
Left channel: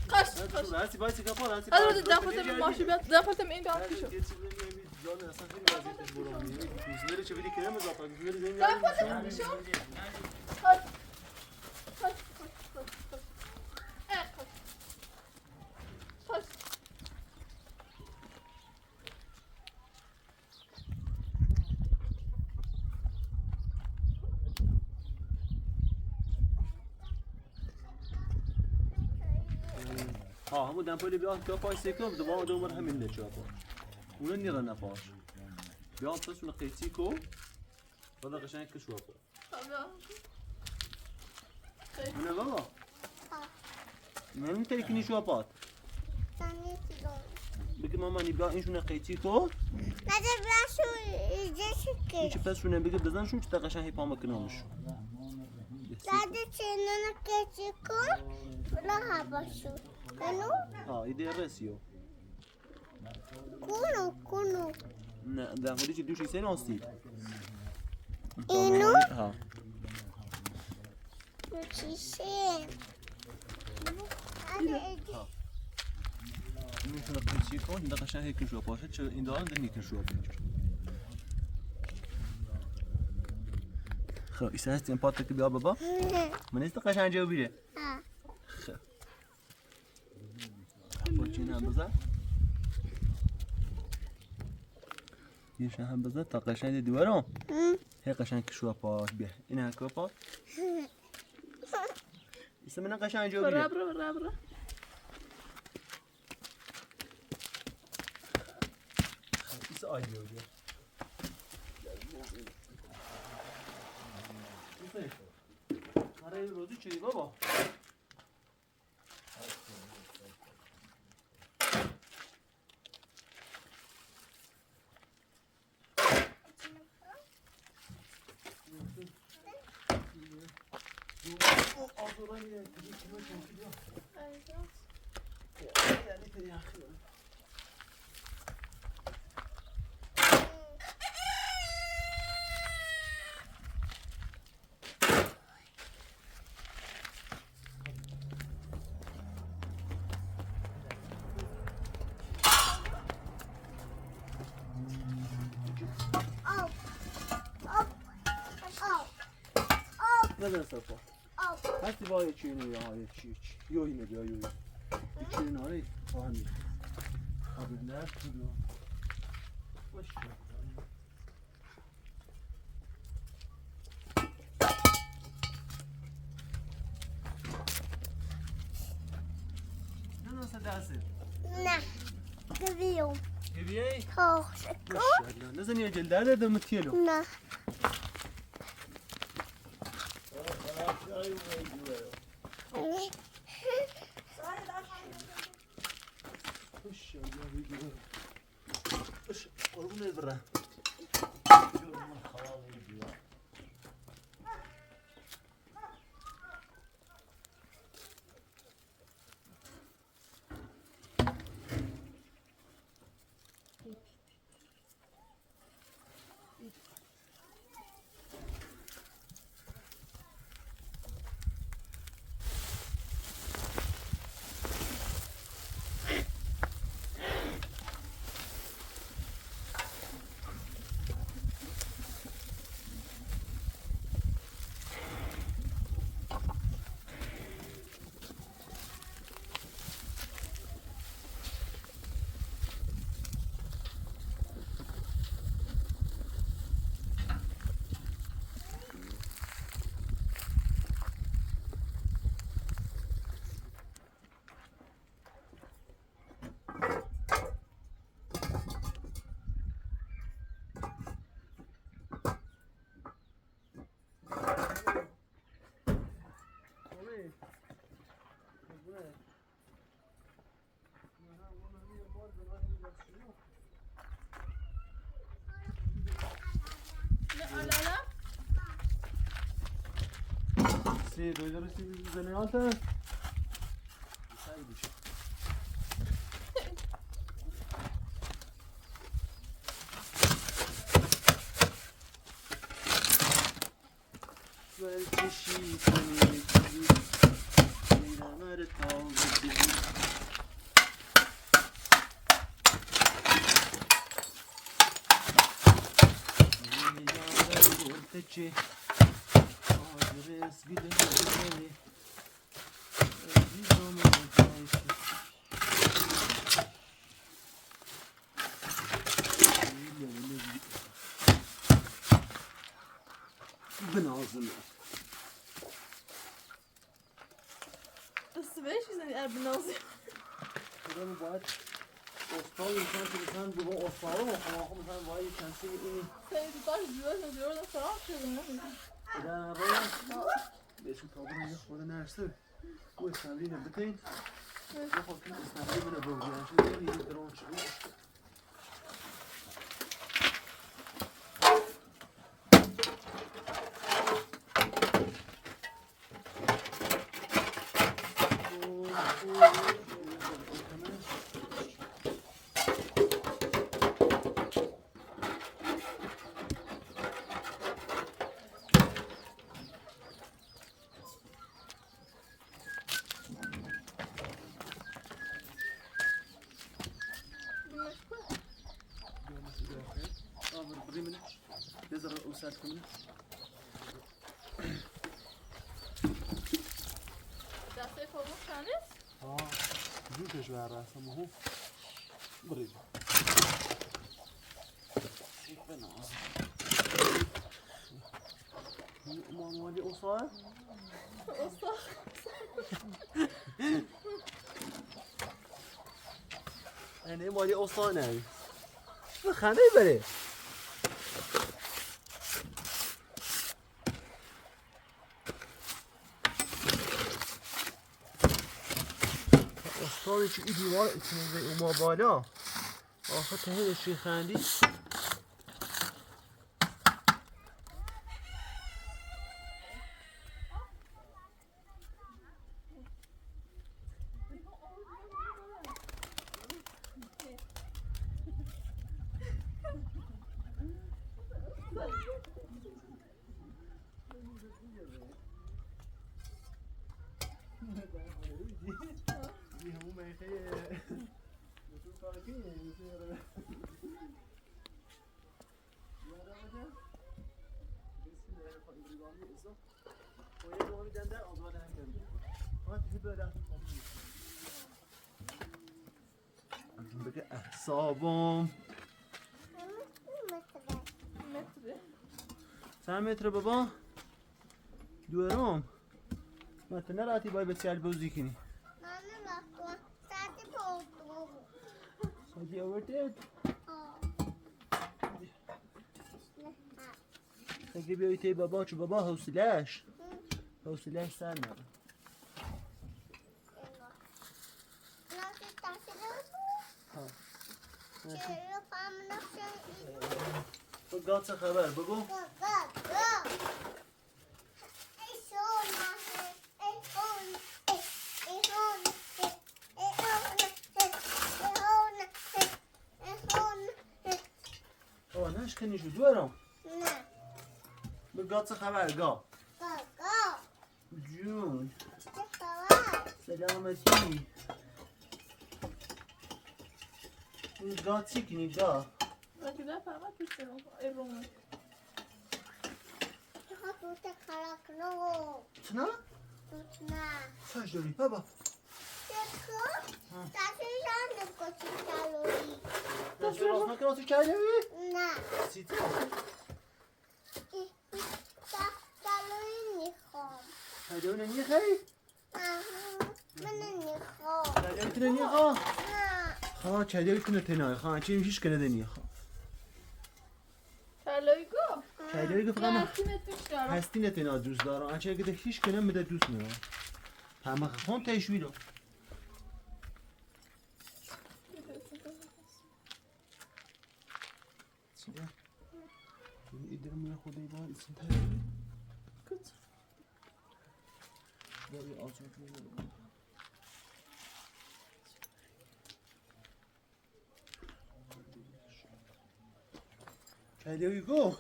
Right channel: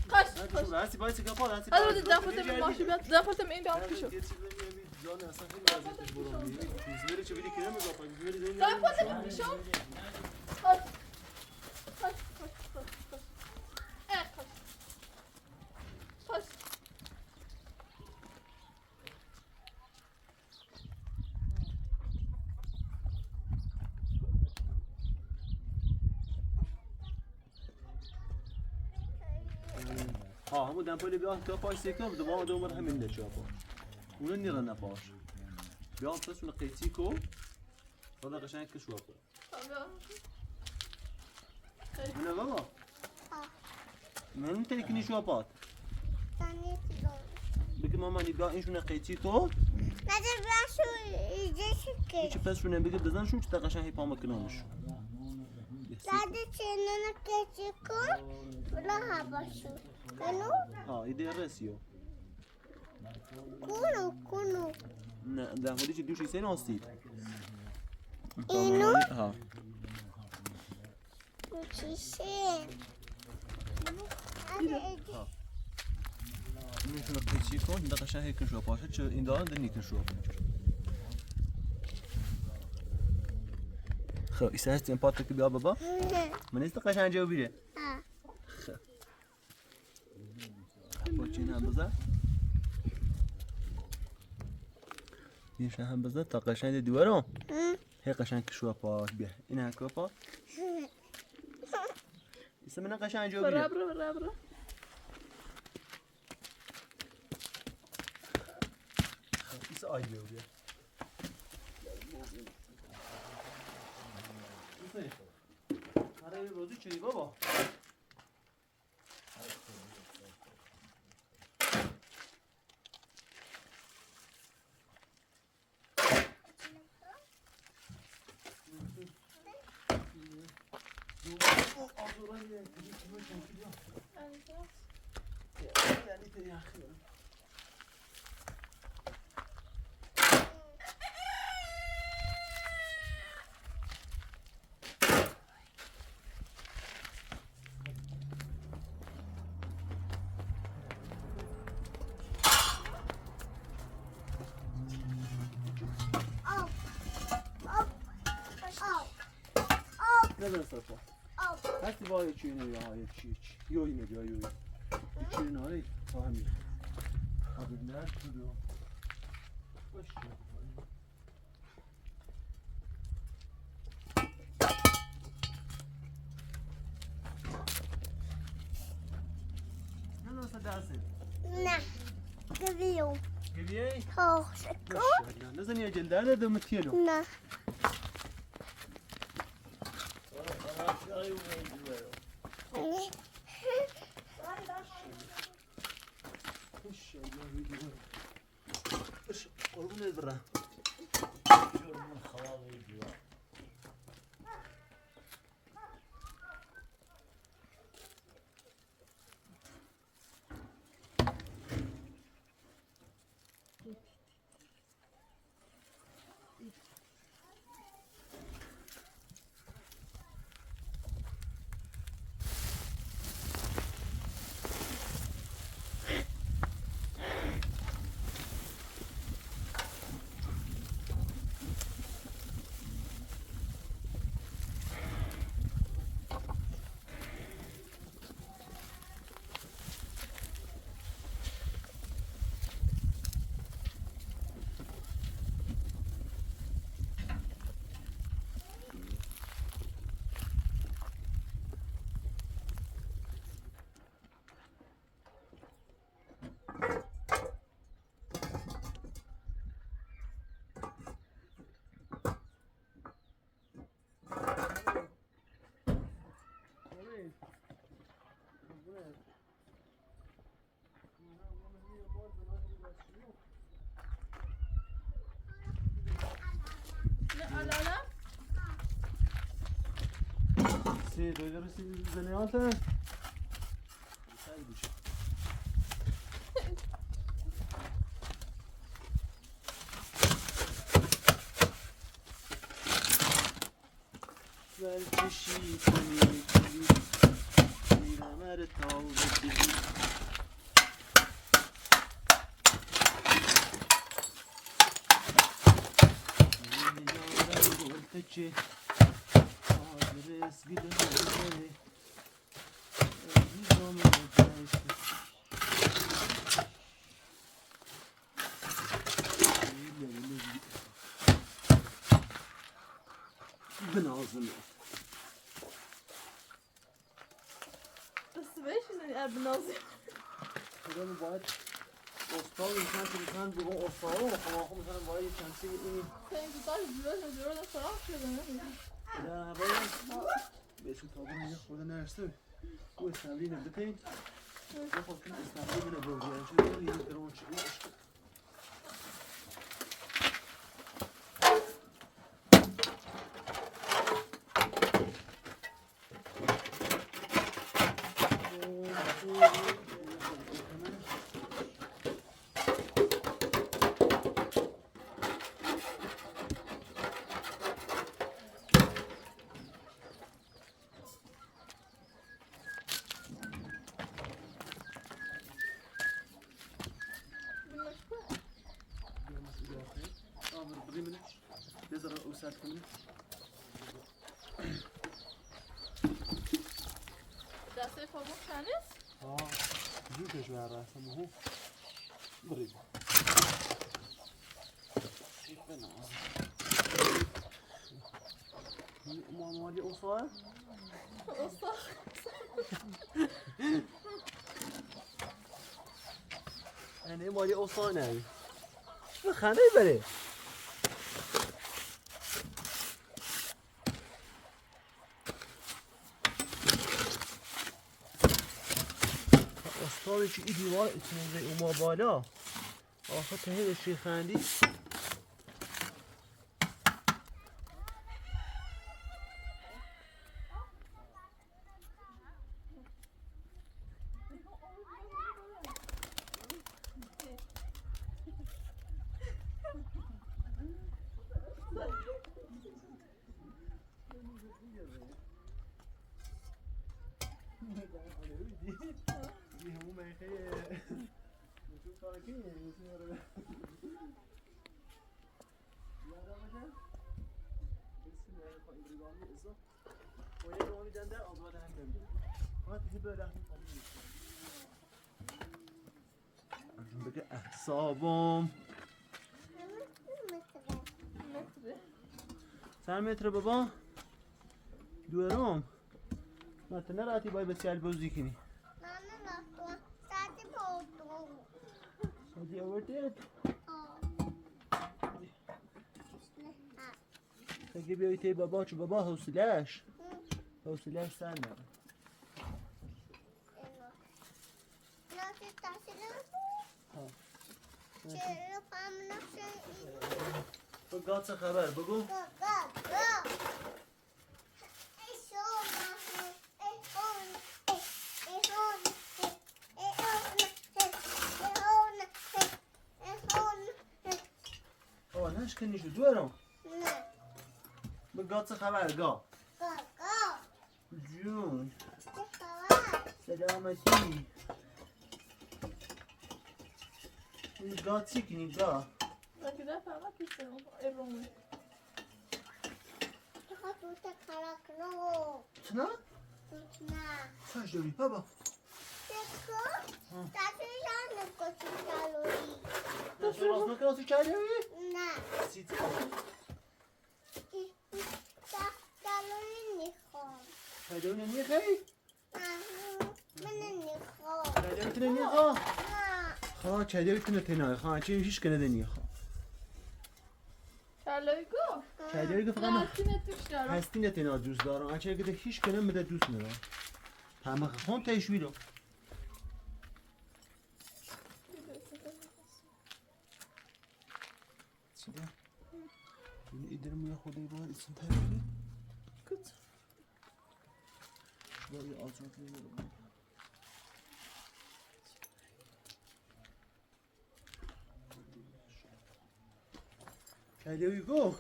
Kaç. هستی بایستی کپار هستی Hadi زفت ماشی بیاد زفت این دام پیشو. یه چیز نمی‌بینی جان اصلا خیلی وضعیتش برام میگه کوزنری چه بدی کرم اضافه کوزنری زین زفت ها همون دمپایی بیاد که پاش سیکم دوباره دوباره همین نچه پاش اونو نیره نپاش بیاد پس اون قیسی کو صدا قشنگ کشوا پاش نه بابا من ترکنی شو پات بگی ماما نی بیا اینشون قیسی کو نده برشو ایجه هیچ پس شونه بگی بزن شو چه قشنگ پام کنامش نده چنان کسی کن بلا هباشو کنو ها ایده رسیو کنو نه ده حالی چه دوشی سین آسید اینو ها چیشه اگه ایجه میتونه قیسی کن ده قشنگ کشوا پاشه چه این دارن ده نیکشوا پاشه خب ایسا هستیم پات که بیا بابا من است قشنگ جا بیره خب پاچین هم بزن یه هم بزن تا قشنگ دوارم هی قشنگ کشوا پاش بیا این هکو پاش ایسا من قشنگ جا بیره برا ایسا آیدیو بیا آره روزی چی بابا نزن صرفا هستی با یه چیه نیا های چی یوی نبیا یوی یه چیه ناری با همین آبی مرد کدو باشه نه نسا دسته نه گویو گویی؟ تاخش کن نزن یه جلده ده متیلو نه قربون البرة Sì, dove dovresti delle volte? Sai dice. Quel cuscito mi da mare tolgo Teci adres gidelim biz onu Ben ağzını. Das ist welches? بنازی خودم باید استاد میشن که میشن بگو استاد رو خب مثلا باید کنسی این سنتی کار جور خراب شده نمیدونم در باید بهشون تابرون یه خود نرسه او استمری نبتین یه خود کن استمری بینه بگوی انشون یه درون چیزی بذار اوسط کنه دسته خورمو کنیست؟ جوشش بر رسم هو برید مالی اوسای یعنی مالی اوسای نه خنده بره استاد چی این دیوار اتنازه اوما بالا آخه تهیدش ری خندی همون میخه نشون کارکی نشون یاره یاده باشه بسم الله الرحمن الرحیم ازا باید رو میدن آزاد هم کنید ها تیجی بره بگه احسابم چند متر بابا؟ دوارم متن نراتی باید بسیار بوزی کنی سادی آورده؟ اگه بیایی تی بابا چو بابا حوصلهش سر نبا بگو چه خبر بگو نش کنی شو دوارم نه بگو چه خبر گا جون سلامتی گا چی کنی گا وقتی در فقط پیستم ایرونه چنا؟ چاش داری بابا دست راست نکناسی کردی؟ نه سیتی میخوام کردی نمیخوای؟ من نمیخوام کردی نمیخواه؟ نه خواه کردی تنهای خواه چی میشیش کنه نمیخواه کلایگو کردی فقط من هستینت بیشتر هستی نتینا دوست دارم اچه اگه هیچ کنه بده دوست ندارم همه خون تشویرو صدا این ایدر میه خودی باید اسم تشویر کچ باید آزاد میگرم کردی گو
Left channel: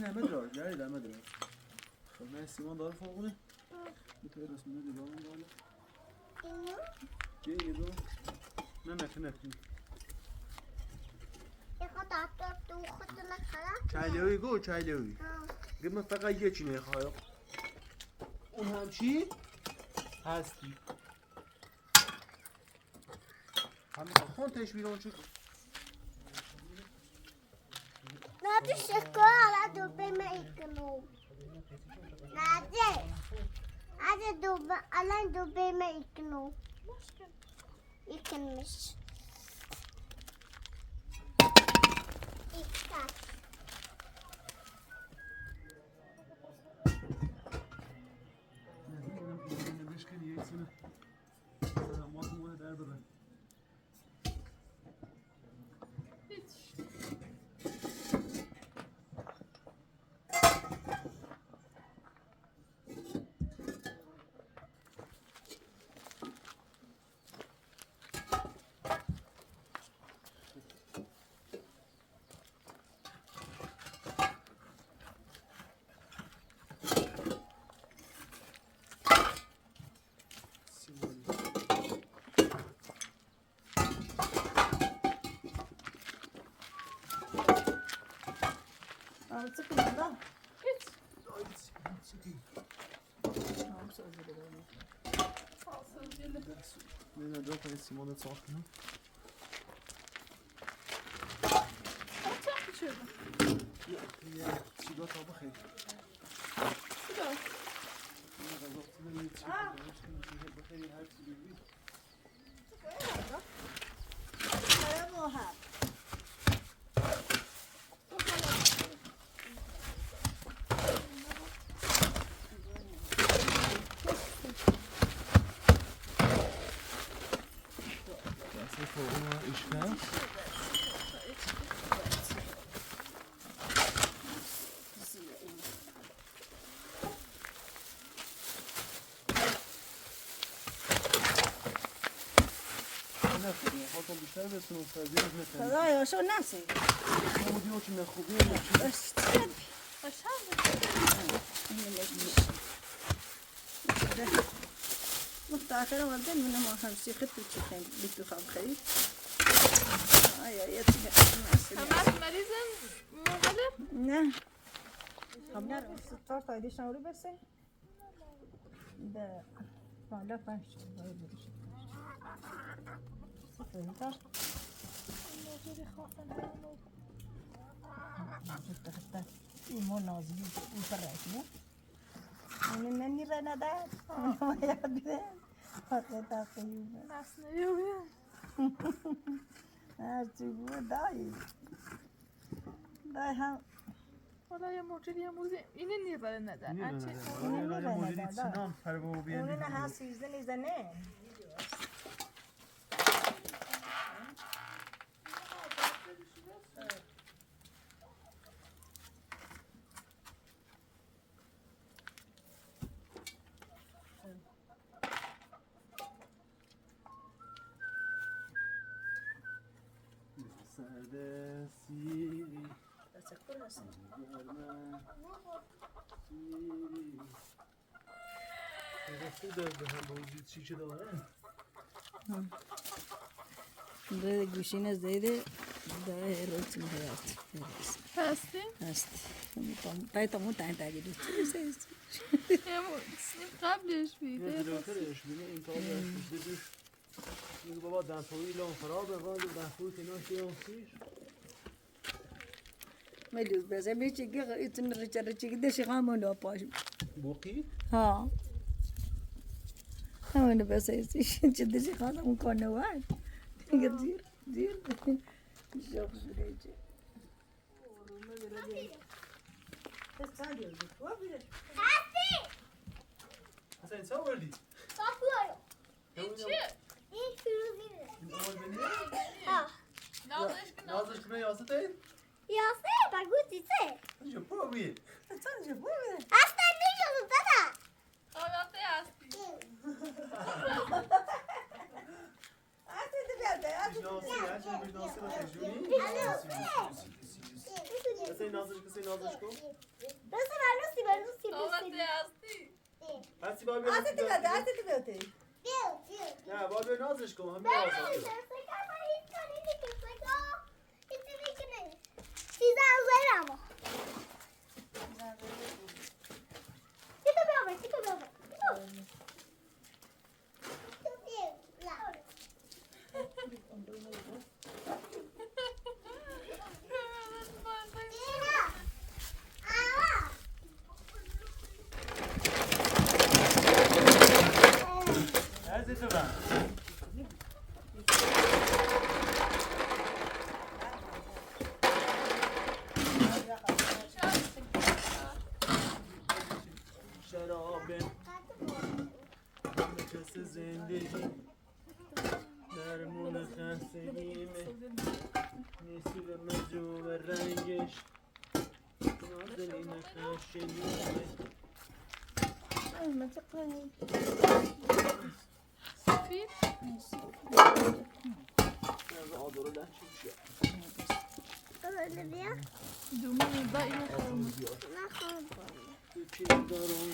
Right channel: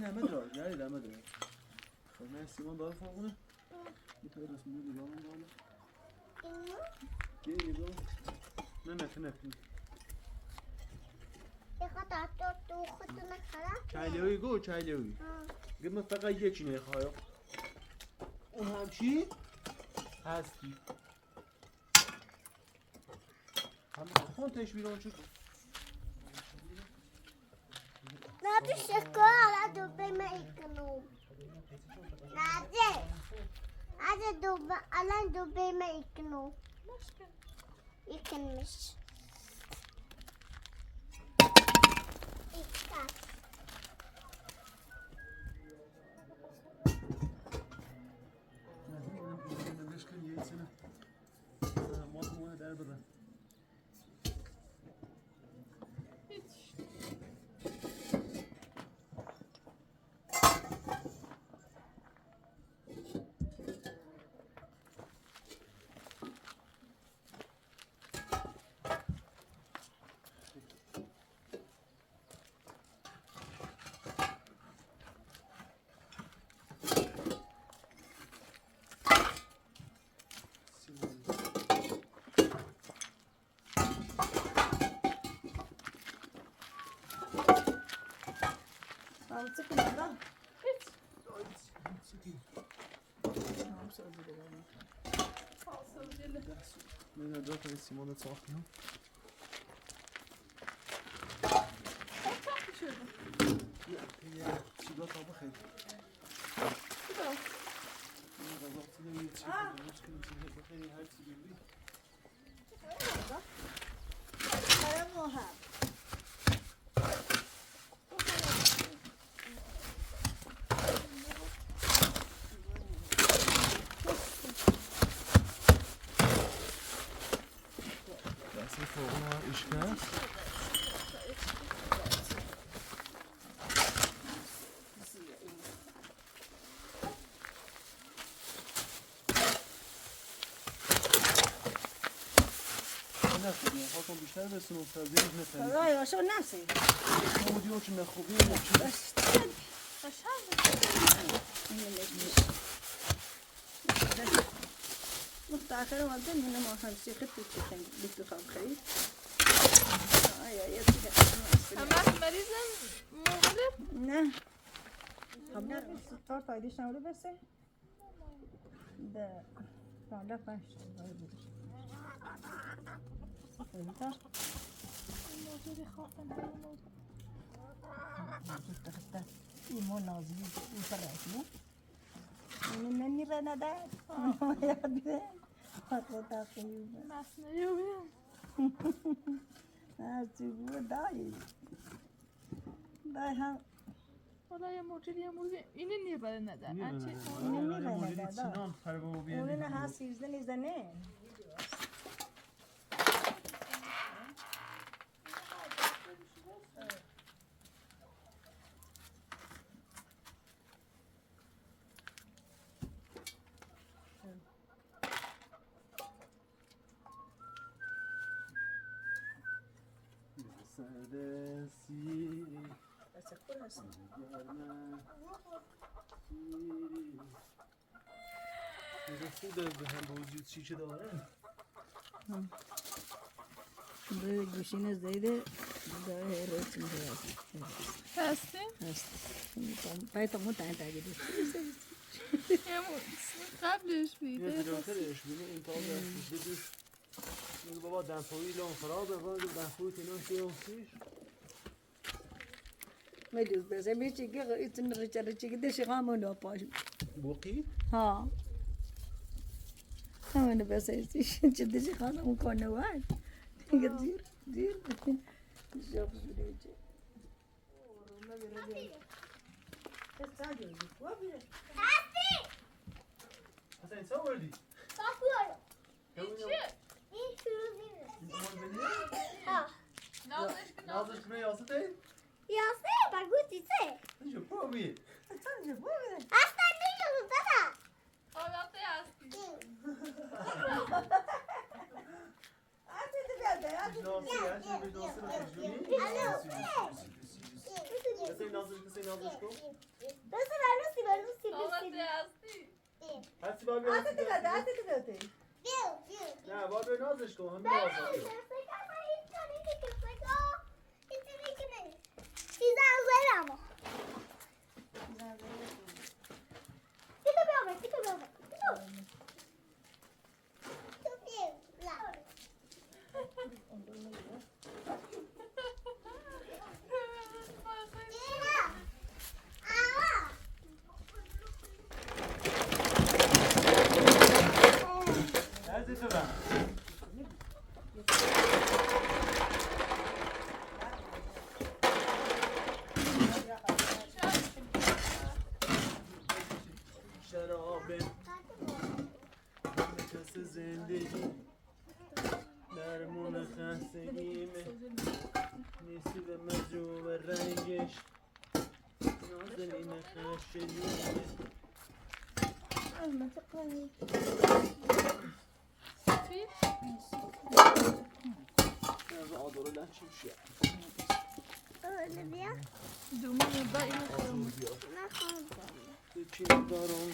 نه مدراج یاری در مدراج خب من سیمان داره فاقونه میتونه رسمونه دیگران بالا چیه گیدو؟ نه نتونه چایلیوی گو چایلیوی گه من فقط یه چی نخواهیم اون هم چی؟ هستی همه خون تشویر چی؟ نادی شکار دو به من ایکنوم نادی Alan dubbe ikno. Başka. İkmiş. İkta. Hiç. Artık bundan. Hiç. Tamam sözü de vermem. Falsız gele. Nee, dat is Simone het zag. Kaç yapmışırdın? Ja, zie dat al begin. Bu da. Para moha. Dat is voor işgal. خاطر بیشتر بسیم استادیش مثل Para eu sou nasıl. همون دیو که مخوبی Aşağı mı? مختار وقتی من ما همسی خود چیکن بیت بخوام خرید. آیا یه چیزی Hemen merizen muğalip. نه. خبر ستار تایدش نوری بسه. ده بالا پنج وای بریش. سفیدا. Muğalip خواهد بود. حتی ایمان نازی او فرقی. این نمی رنده. ما یادیم. حتی تاقیم. Mesneyi uyan. هرچی بود دایی. دایی هم. Valla ya mucidi ya mucidi. İnin niye böyle neden? سینام پر بابا اونو نه ها 13 نیزده نه. سردسی تشکر هستم. گفتی در هم بوجود چی که داره؟ ده گوشین از دیده داره هرچی می‌خواد. Pesti. هست. تای تمو تای تای دوست. Ya قبلش بیده. دکترش بینه این کار داشت دیدی این بابا دنسوی لام فراد و دنسوی تنان سیاسیش میدوز بس میشه که ایتون ریچاره چیکه دشی قامونو پاش. بوقی ها. همون بس ایستش چه دشی قامون کنه وای. اگر زیر جاب زیرچه. حسین چه وردی؟ Bakıyorum. İçi. İyi şuruzine. Ha. نازش کنه یاسه تی؟ Yası bak bu çiçe. اینجا پاوی Hasta değilim sana. Orada yazdı. میشناسی هرچی میشناسی رو خیجونی حسین نازش کن Nasıl var nasıl var nasıl Orada yazdı. هستی بابی نه بابی نازش کن همه نازش کن نزدیک من شراب نفس زندگی درمون خستگیمه نیستی به مجموع رنگش نازنین خشنیمه صفی؟ از آدارو لحشیم شد öyle diye. دومه با این خیلی Nahon koyuyor. یکی دارم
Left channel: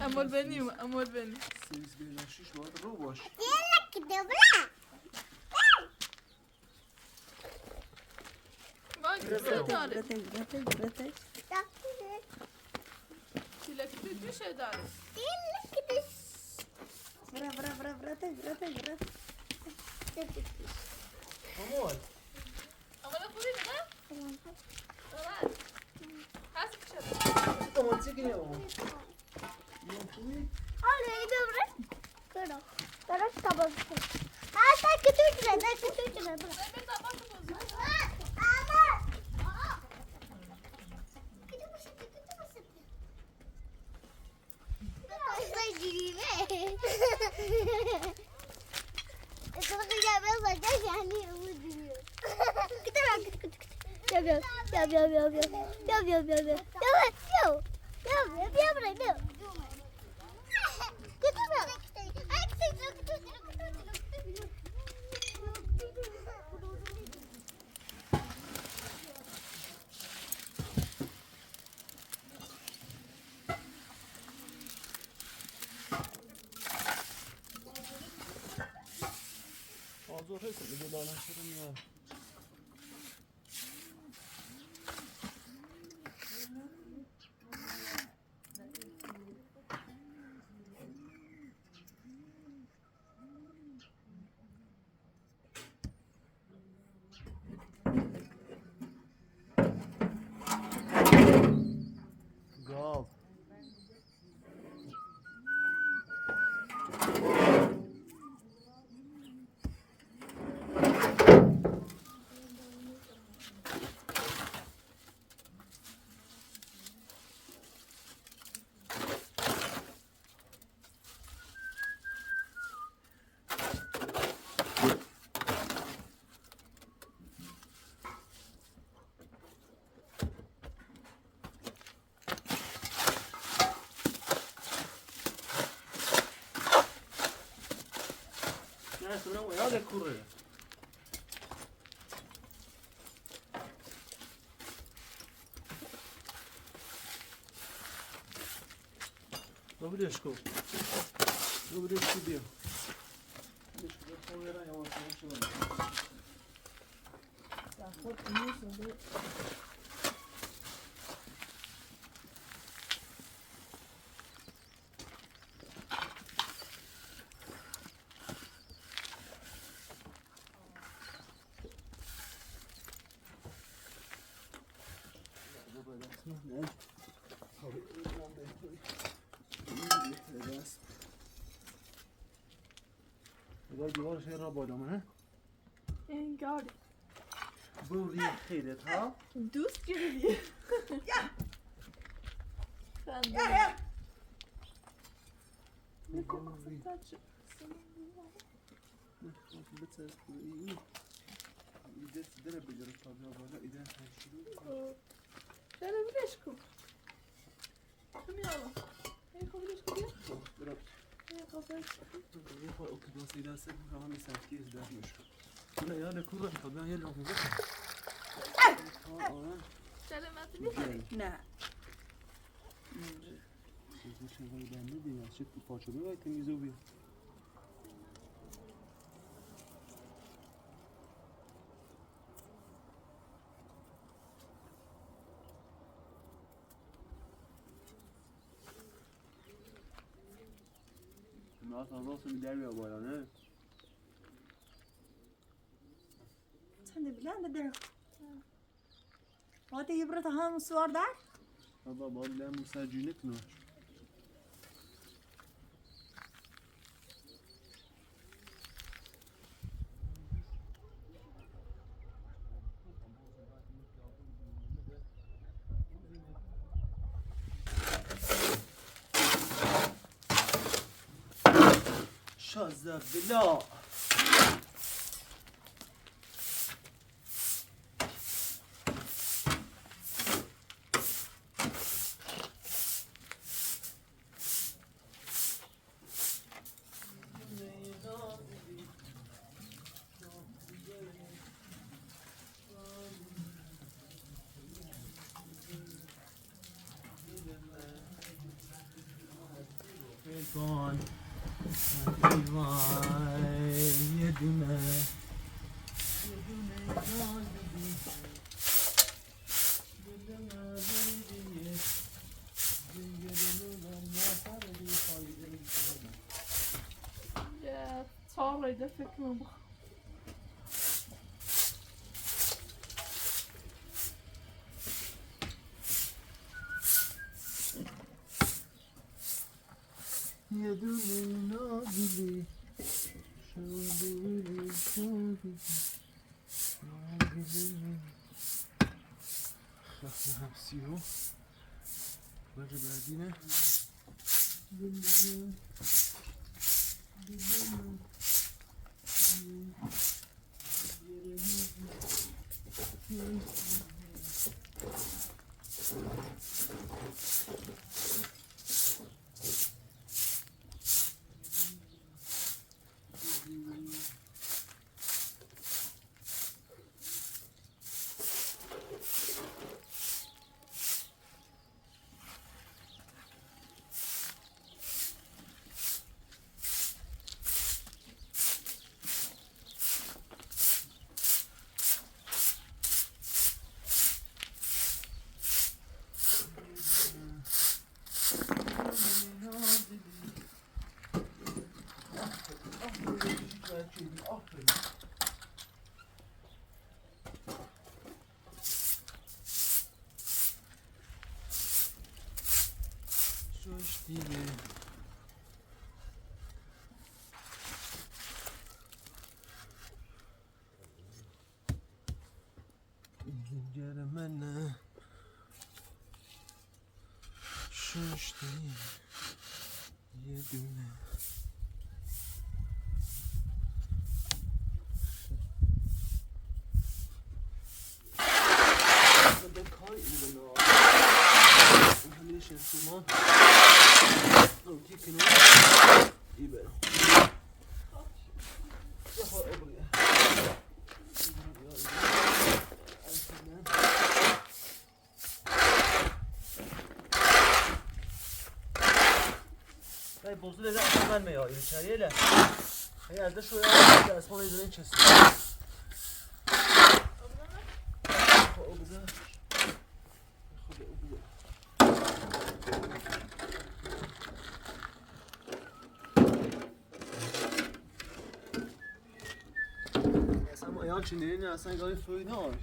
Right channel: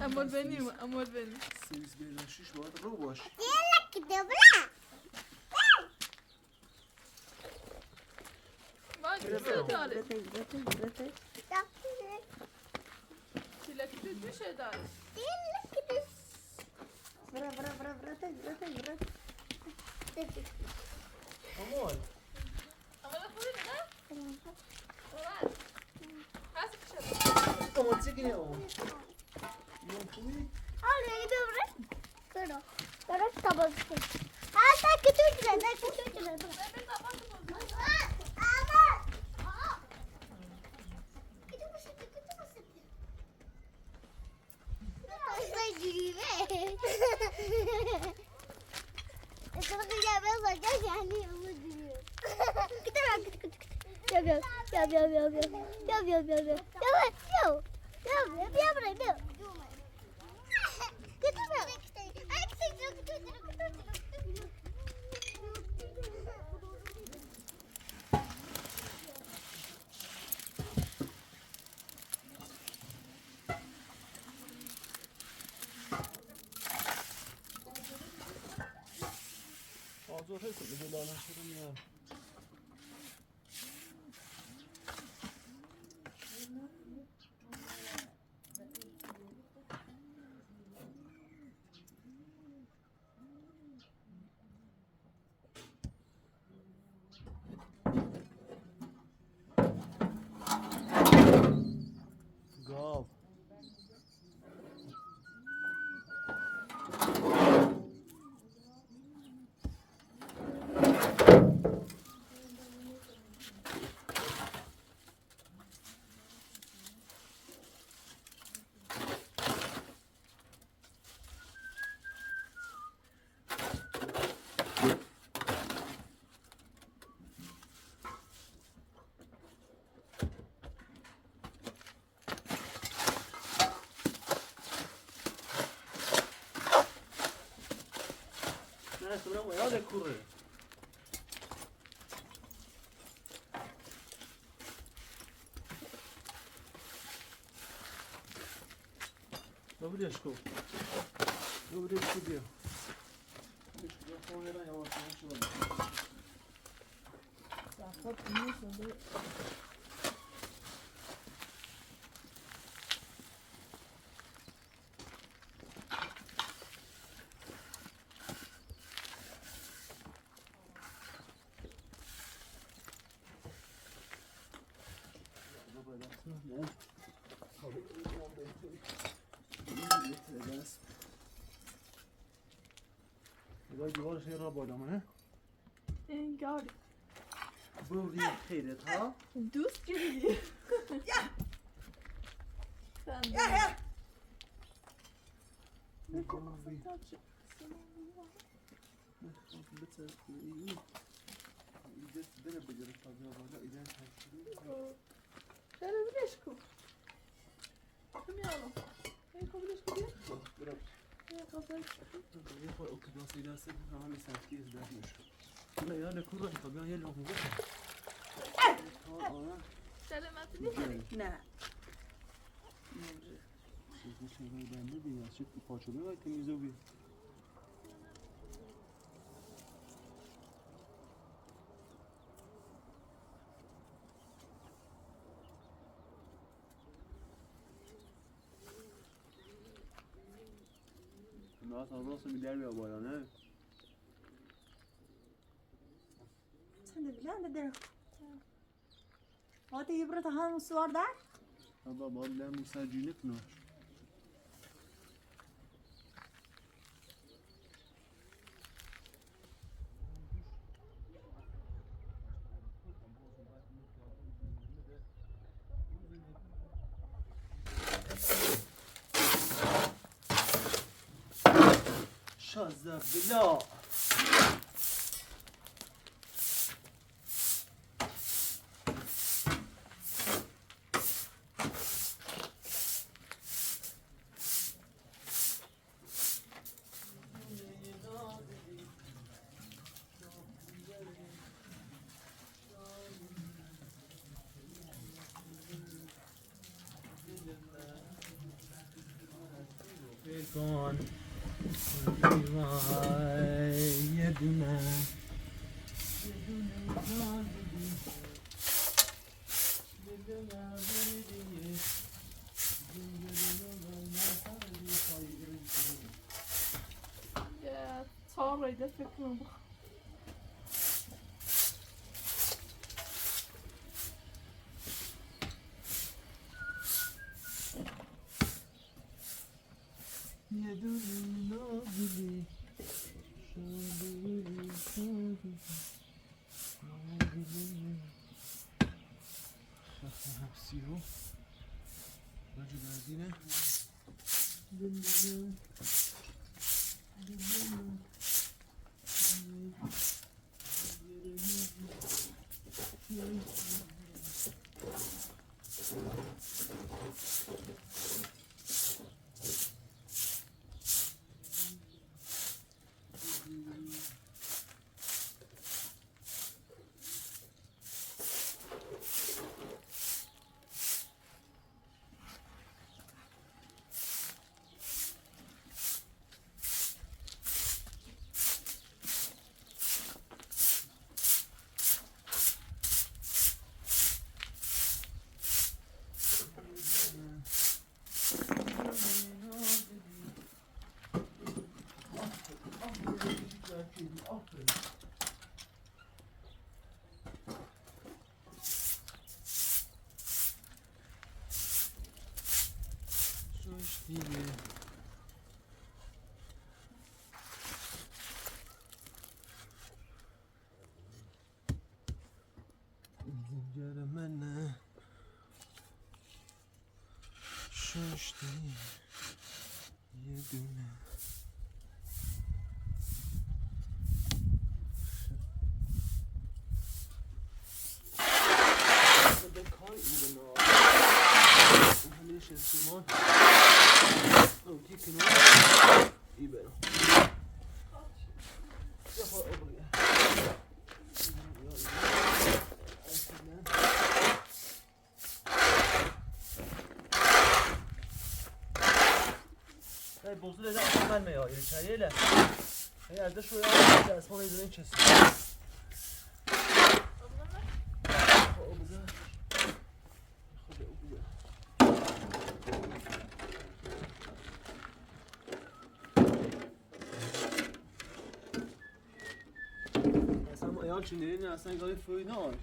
امال بنیم امال بنیم 13 باید رو باش Diğerler gidiyor bırak. بای کسی داره Bak, تیلکتی میشه داره diğerler gidiyor. اما نخورید نه؟ هست کشه اما چیگه اما Oraya gidiyor bırak. Bırak. Bırak babası. Sen götür şuraya. Bırak. Ama. Gidiyor mu şimdi? Ben gireyim. Sana kıyamaz olacak yani ama giriyor. Gidiyor. Yap. آزور هستم به دلالم شدم نه گاو نه سلام و یاد کوره ببریش کن ببریش کی بیا ببریش کن خواهی را یواش یواش شدم خود اینو شده دیوارش را بالامه انگار بوری خیرت ها دوست گیری چرا بیرش کن کمیالا بیرش کن بیا لا يا لك روح طبيعي يلا هو سلامت نیست نه Sen de bilen de der. Hadi yıprat hamı suar der. بابا باید لمون سرجینه کنه شازده بلا کن وای یه دونه یه تا رایده فکر کنم یه دونه نازلی شادی خفه همسیو باجه بردینه زنجر منه ششتی یه دونه به کار اینو بنا همین شرسیمان روتی کنون ای برم یه خواه ابریه ای بوزو لیده اصلا میاد ایره چریه لی ای ارده شویه ارده اسمان ایدونه این چستی خواه ابریه خود ابریه اصلا ایان چی نه اصلا گاهی فوی ناش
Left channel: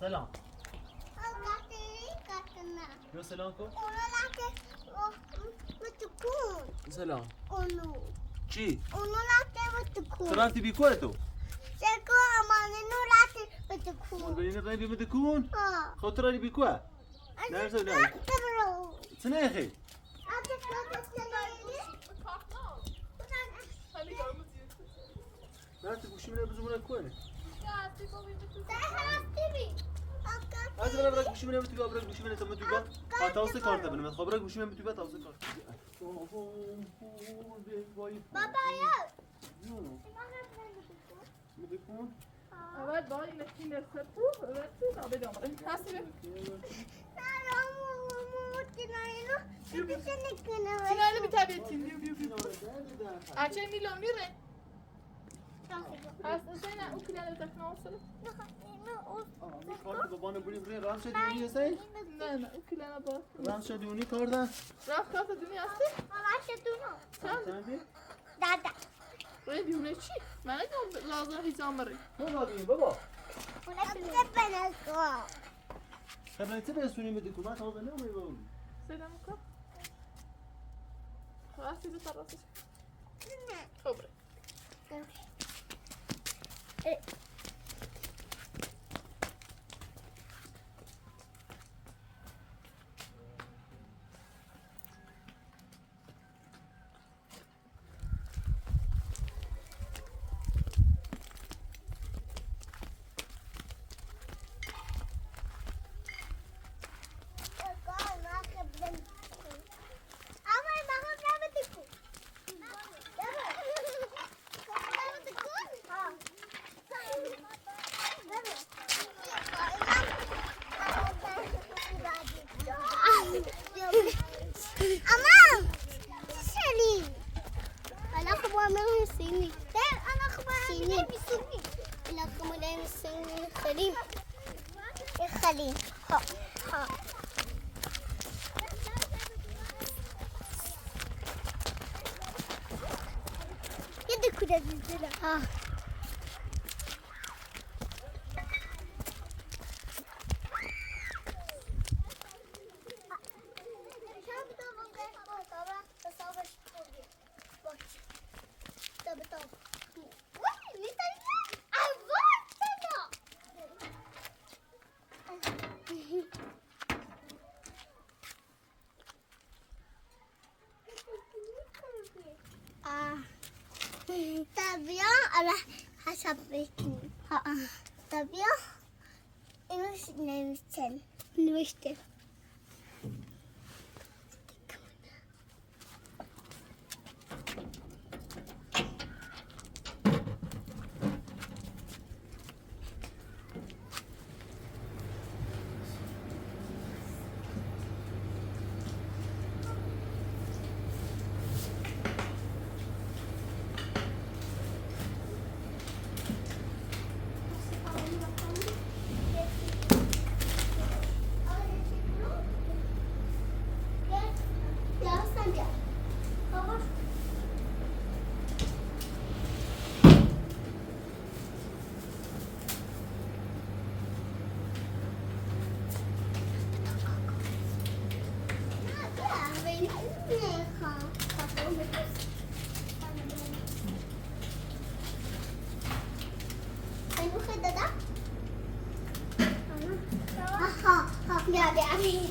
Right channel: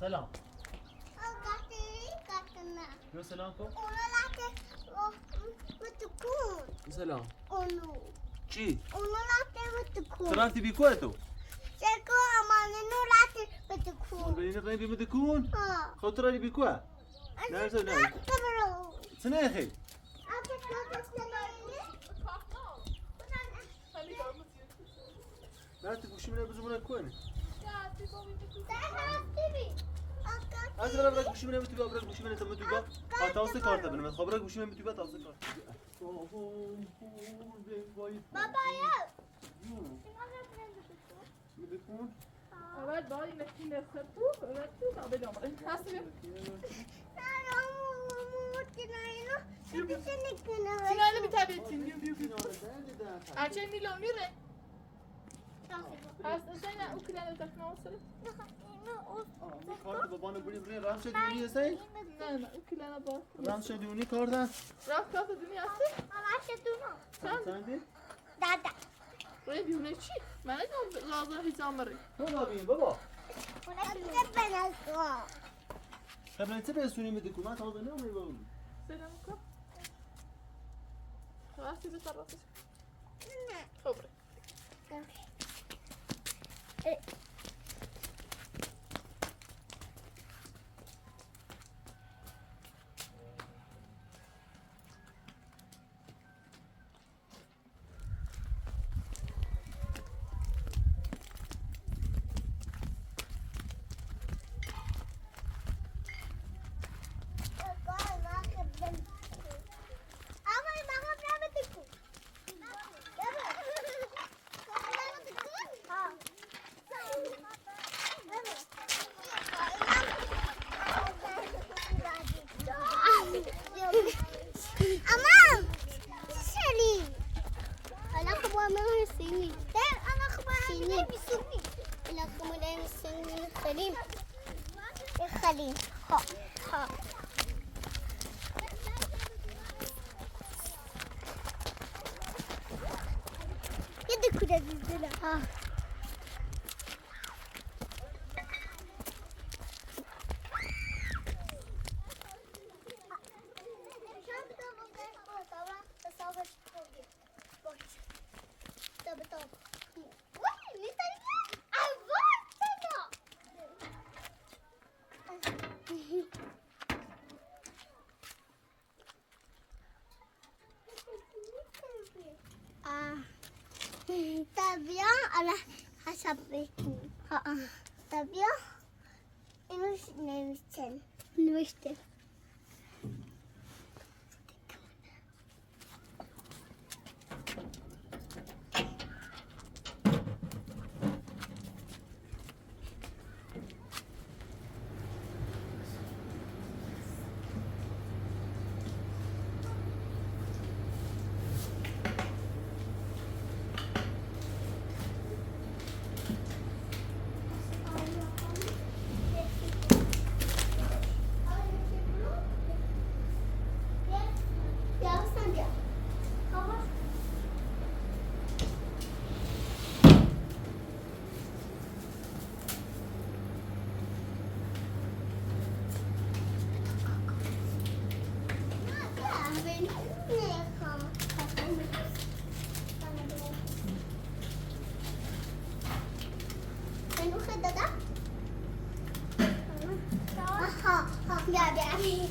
سلام قطنا يا سلام كو اونو لاته بتكون سلام اونو چی؟ لاته بتكون تو رفتی بیکوه تو؟ سکو امانو لاته بتكون بینی رای بیمه دکون؟ ها خود تو رای بیکوه؟ نه تو نه تبرو سنه اخی نه تو گوشی منه بزرگونه کنه از برای گوشی منه بتوی برای گوشی منه تو متوی با تاسه کارت بنم خب برای گوشی منه بتوی با تاسه کارت بابا یا میدکون Evet daha yemekli lezzet bu. Evet bu tabi gamre. Nasıl? Sinayla bir tabi ettin diyor diyor. Erçen milyon lira. Hasta sen o kilere takma olsun. کارت بابانو بری بری راه شدی هستی؟ Ne ne o kilere bak. راه شدی اونی کار ده؟ Raf kafa dünyası. Sen Dada. buraya bir ne çi? Ben de lazım hizamları. بابا بین بابا Ona bir ben aldım. خبرتی چه رسونی میدکون من تا نه میگم Selam kap. Hasta bir tarafı. Kobre. Aman! Selim. Anak ko mo ang singing. Anak ko mo ang singing. Anak ko mo ang singing. Salim. Salim. Ha. Ha. Yedi kuda dizdiler. Ha. Tabia ala hasap itu. Tabia ini nuisten. Ya be abi.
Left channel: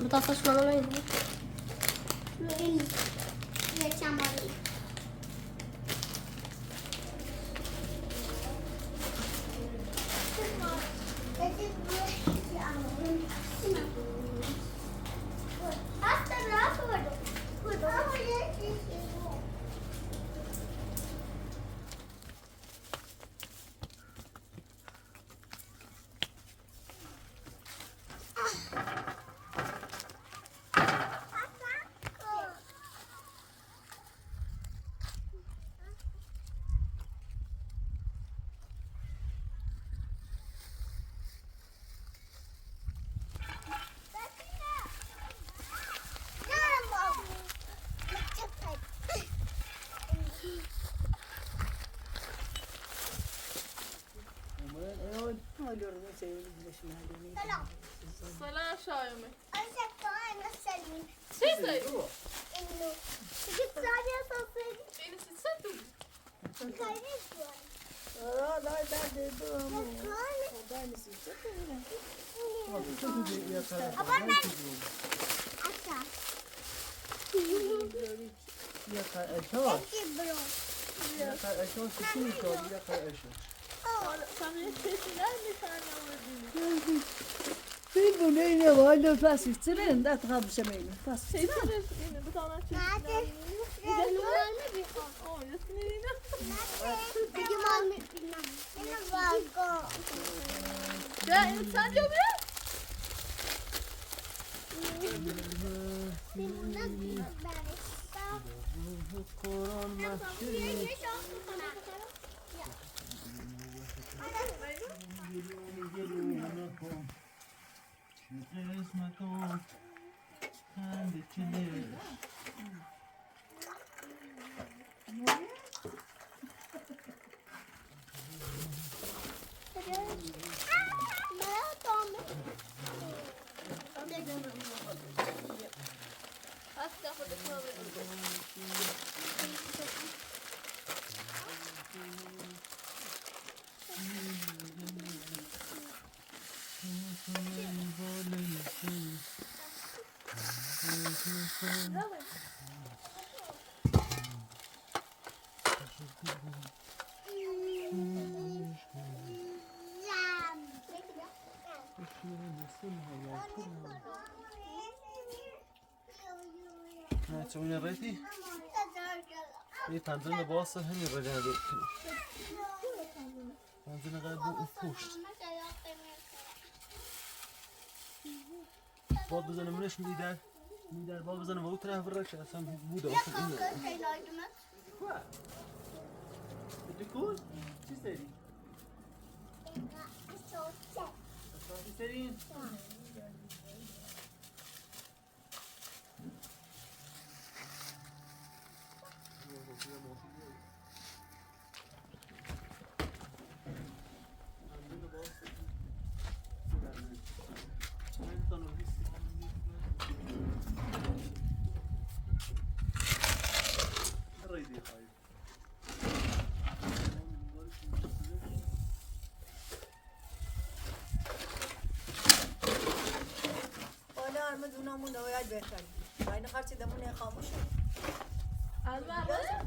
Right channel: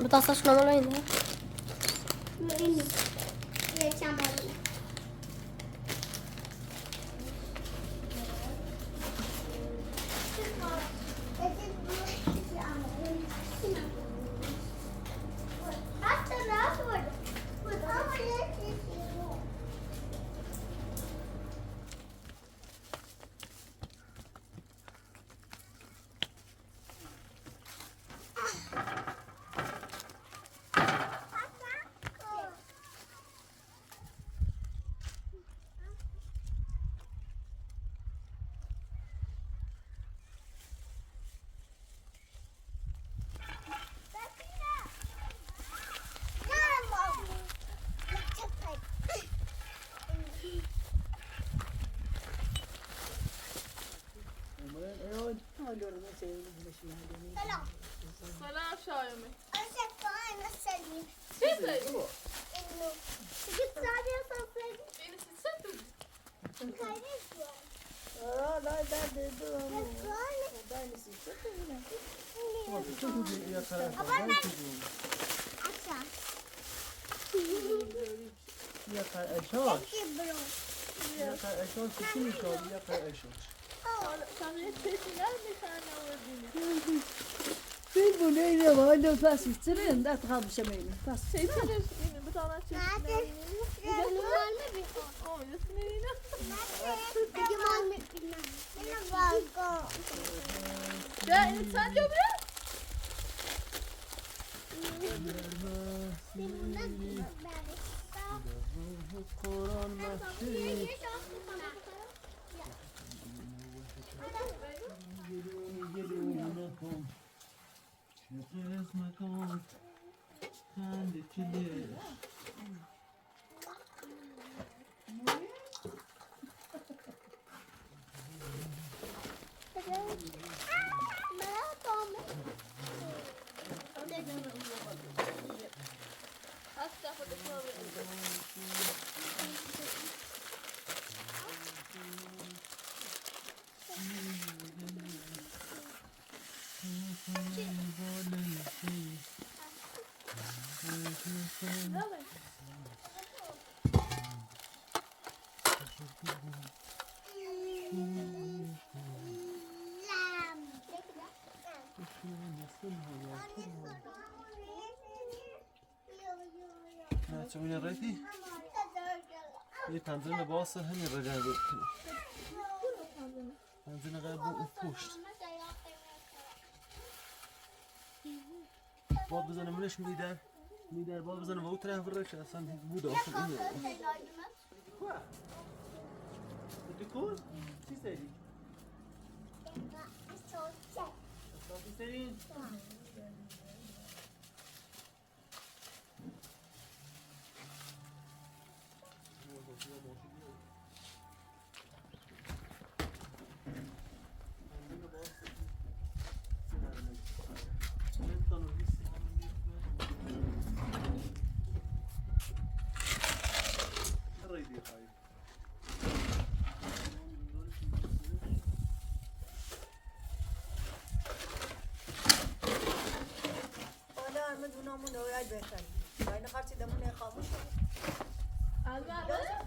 بطاطس شلون يدنا وين يا شمالي سلام شایمه چی داری؟ Bu neyle var? Nefes içtirin de tıkamışım eyle. Bir tane çeşitler. Ya insan yok ya. نه چون این رایتی یه تنظیم باسه همین رجعه بکنی تنظیم قیب اون پشت باب بزنه منش میدر باب بزنه و او طرف برش اصلا بوده اصلا اینه بدی کن؟ چی سری؟ اساسی سری؟ البته.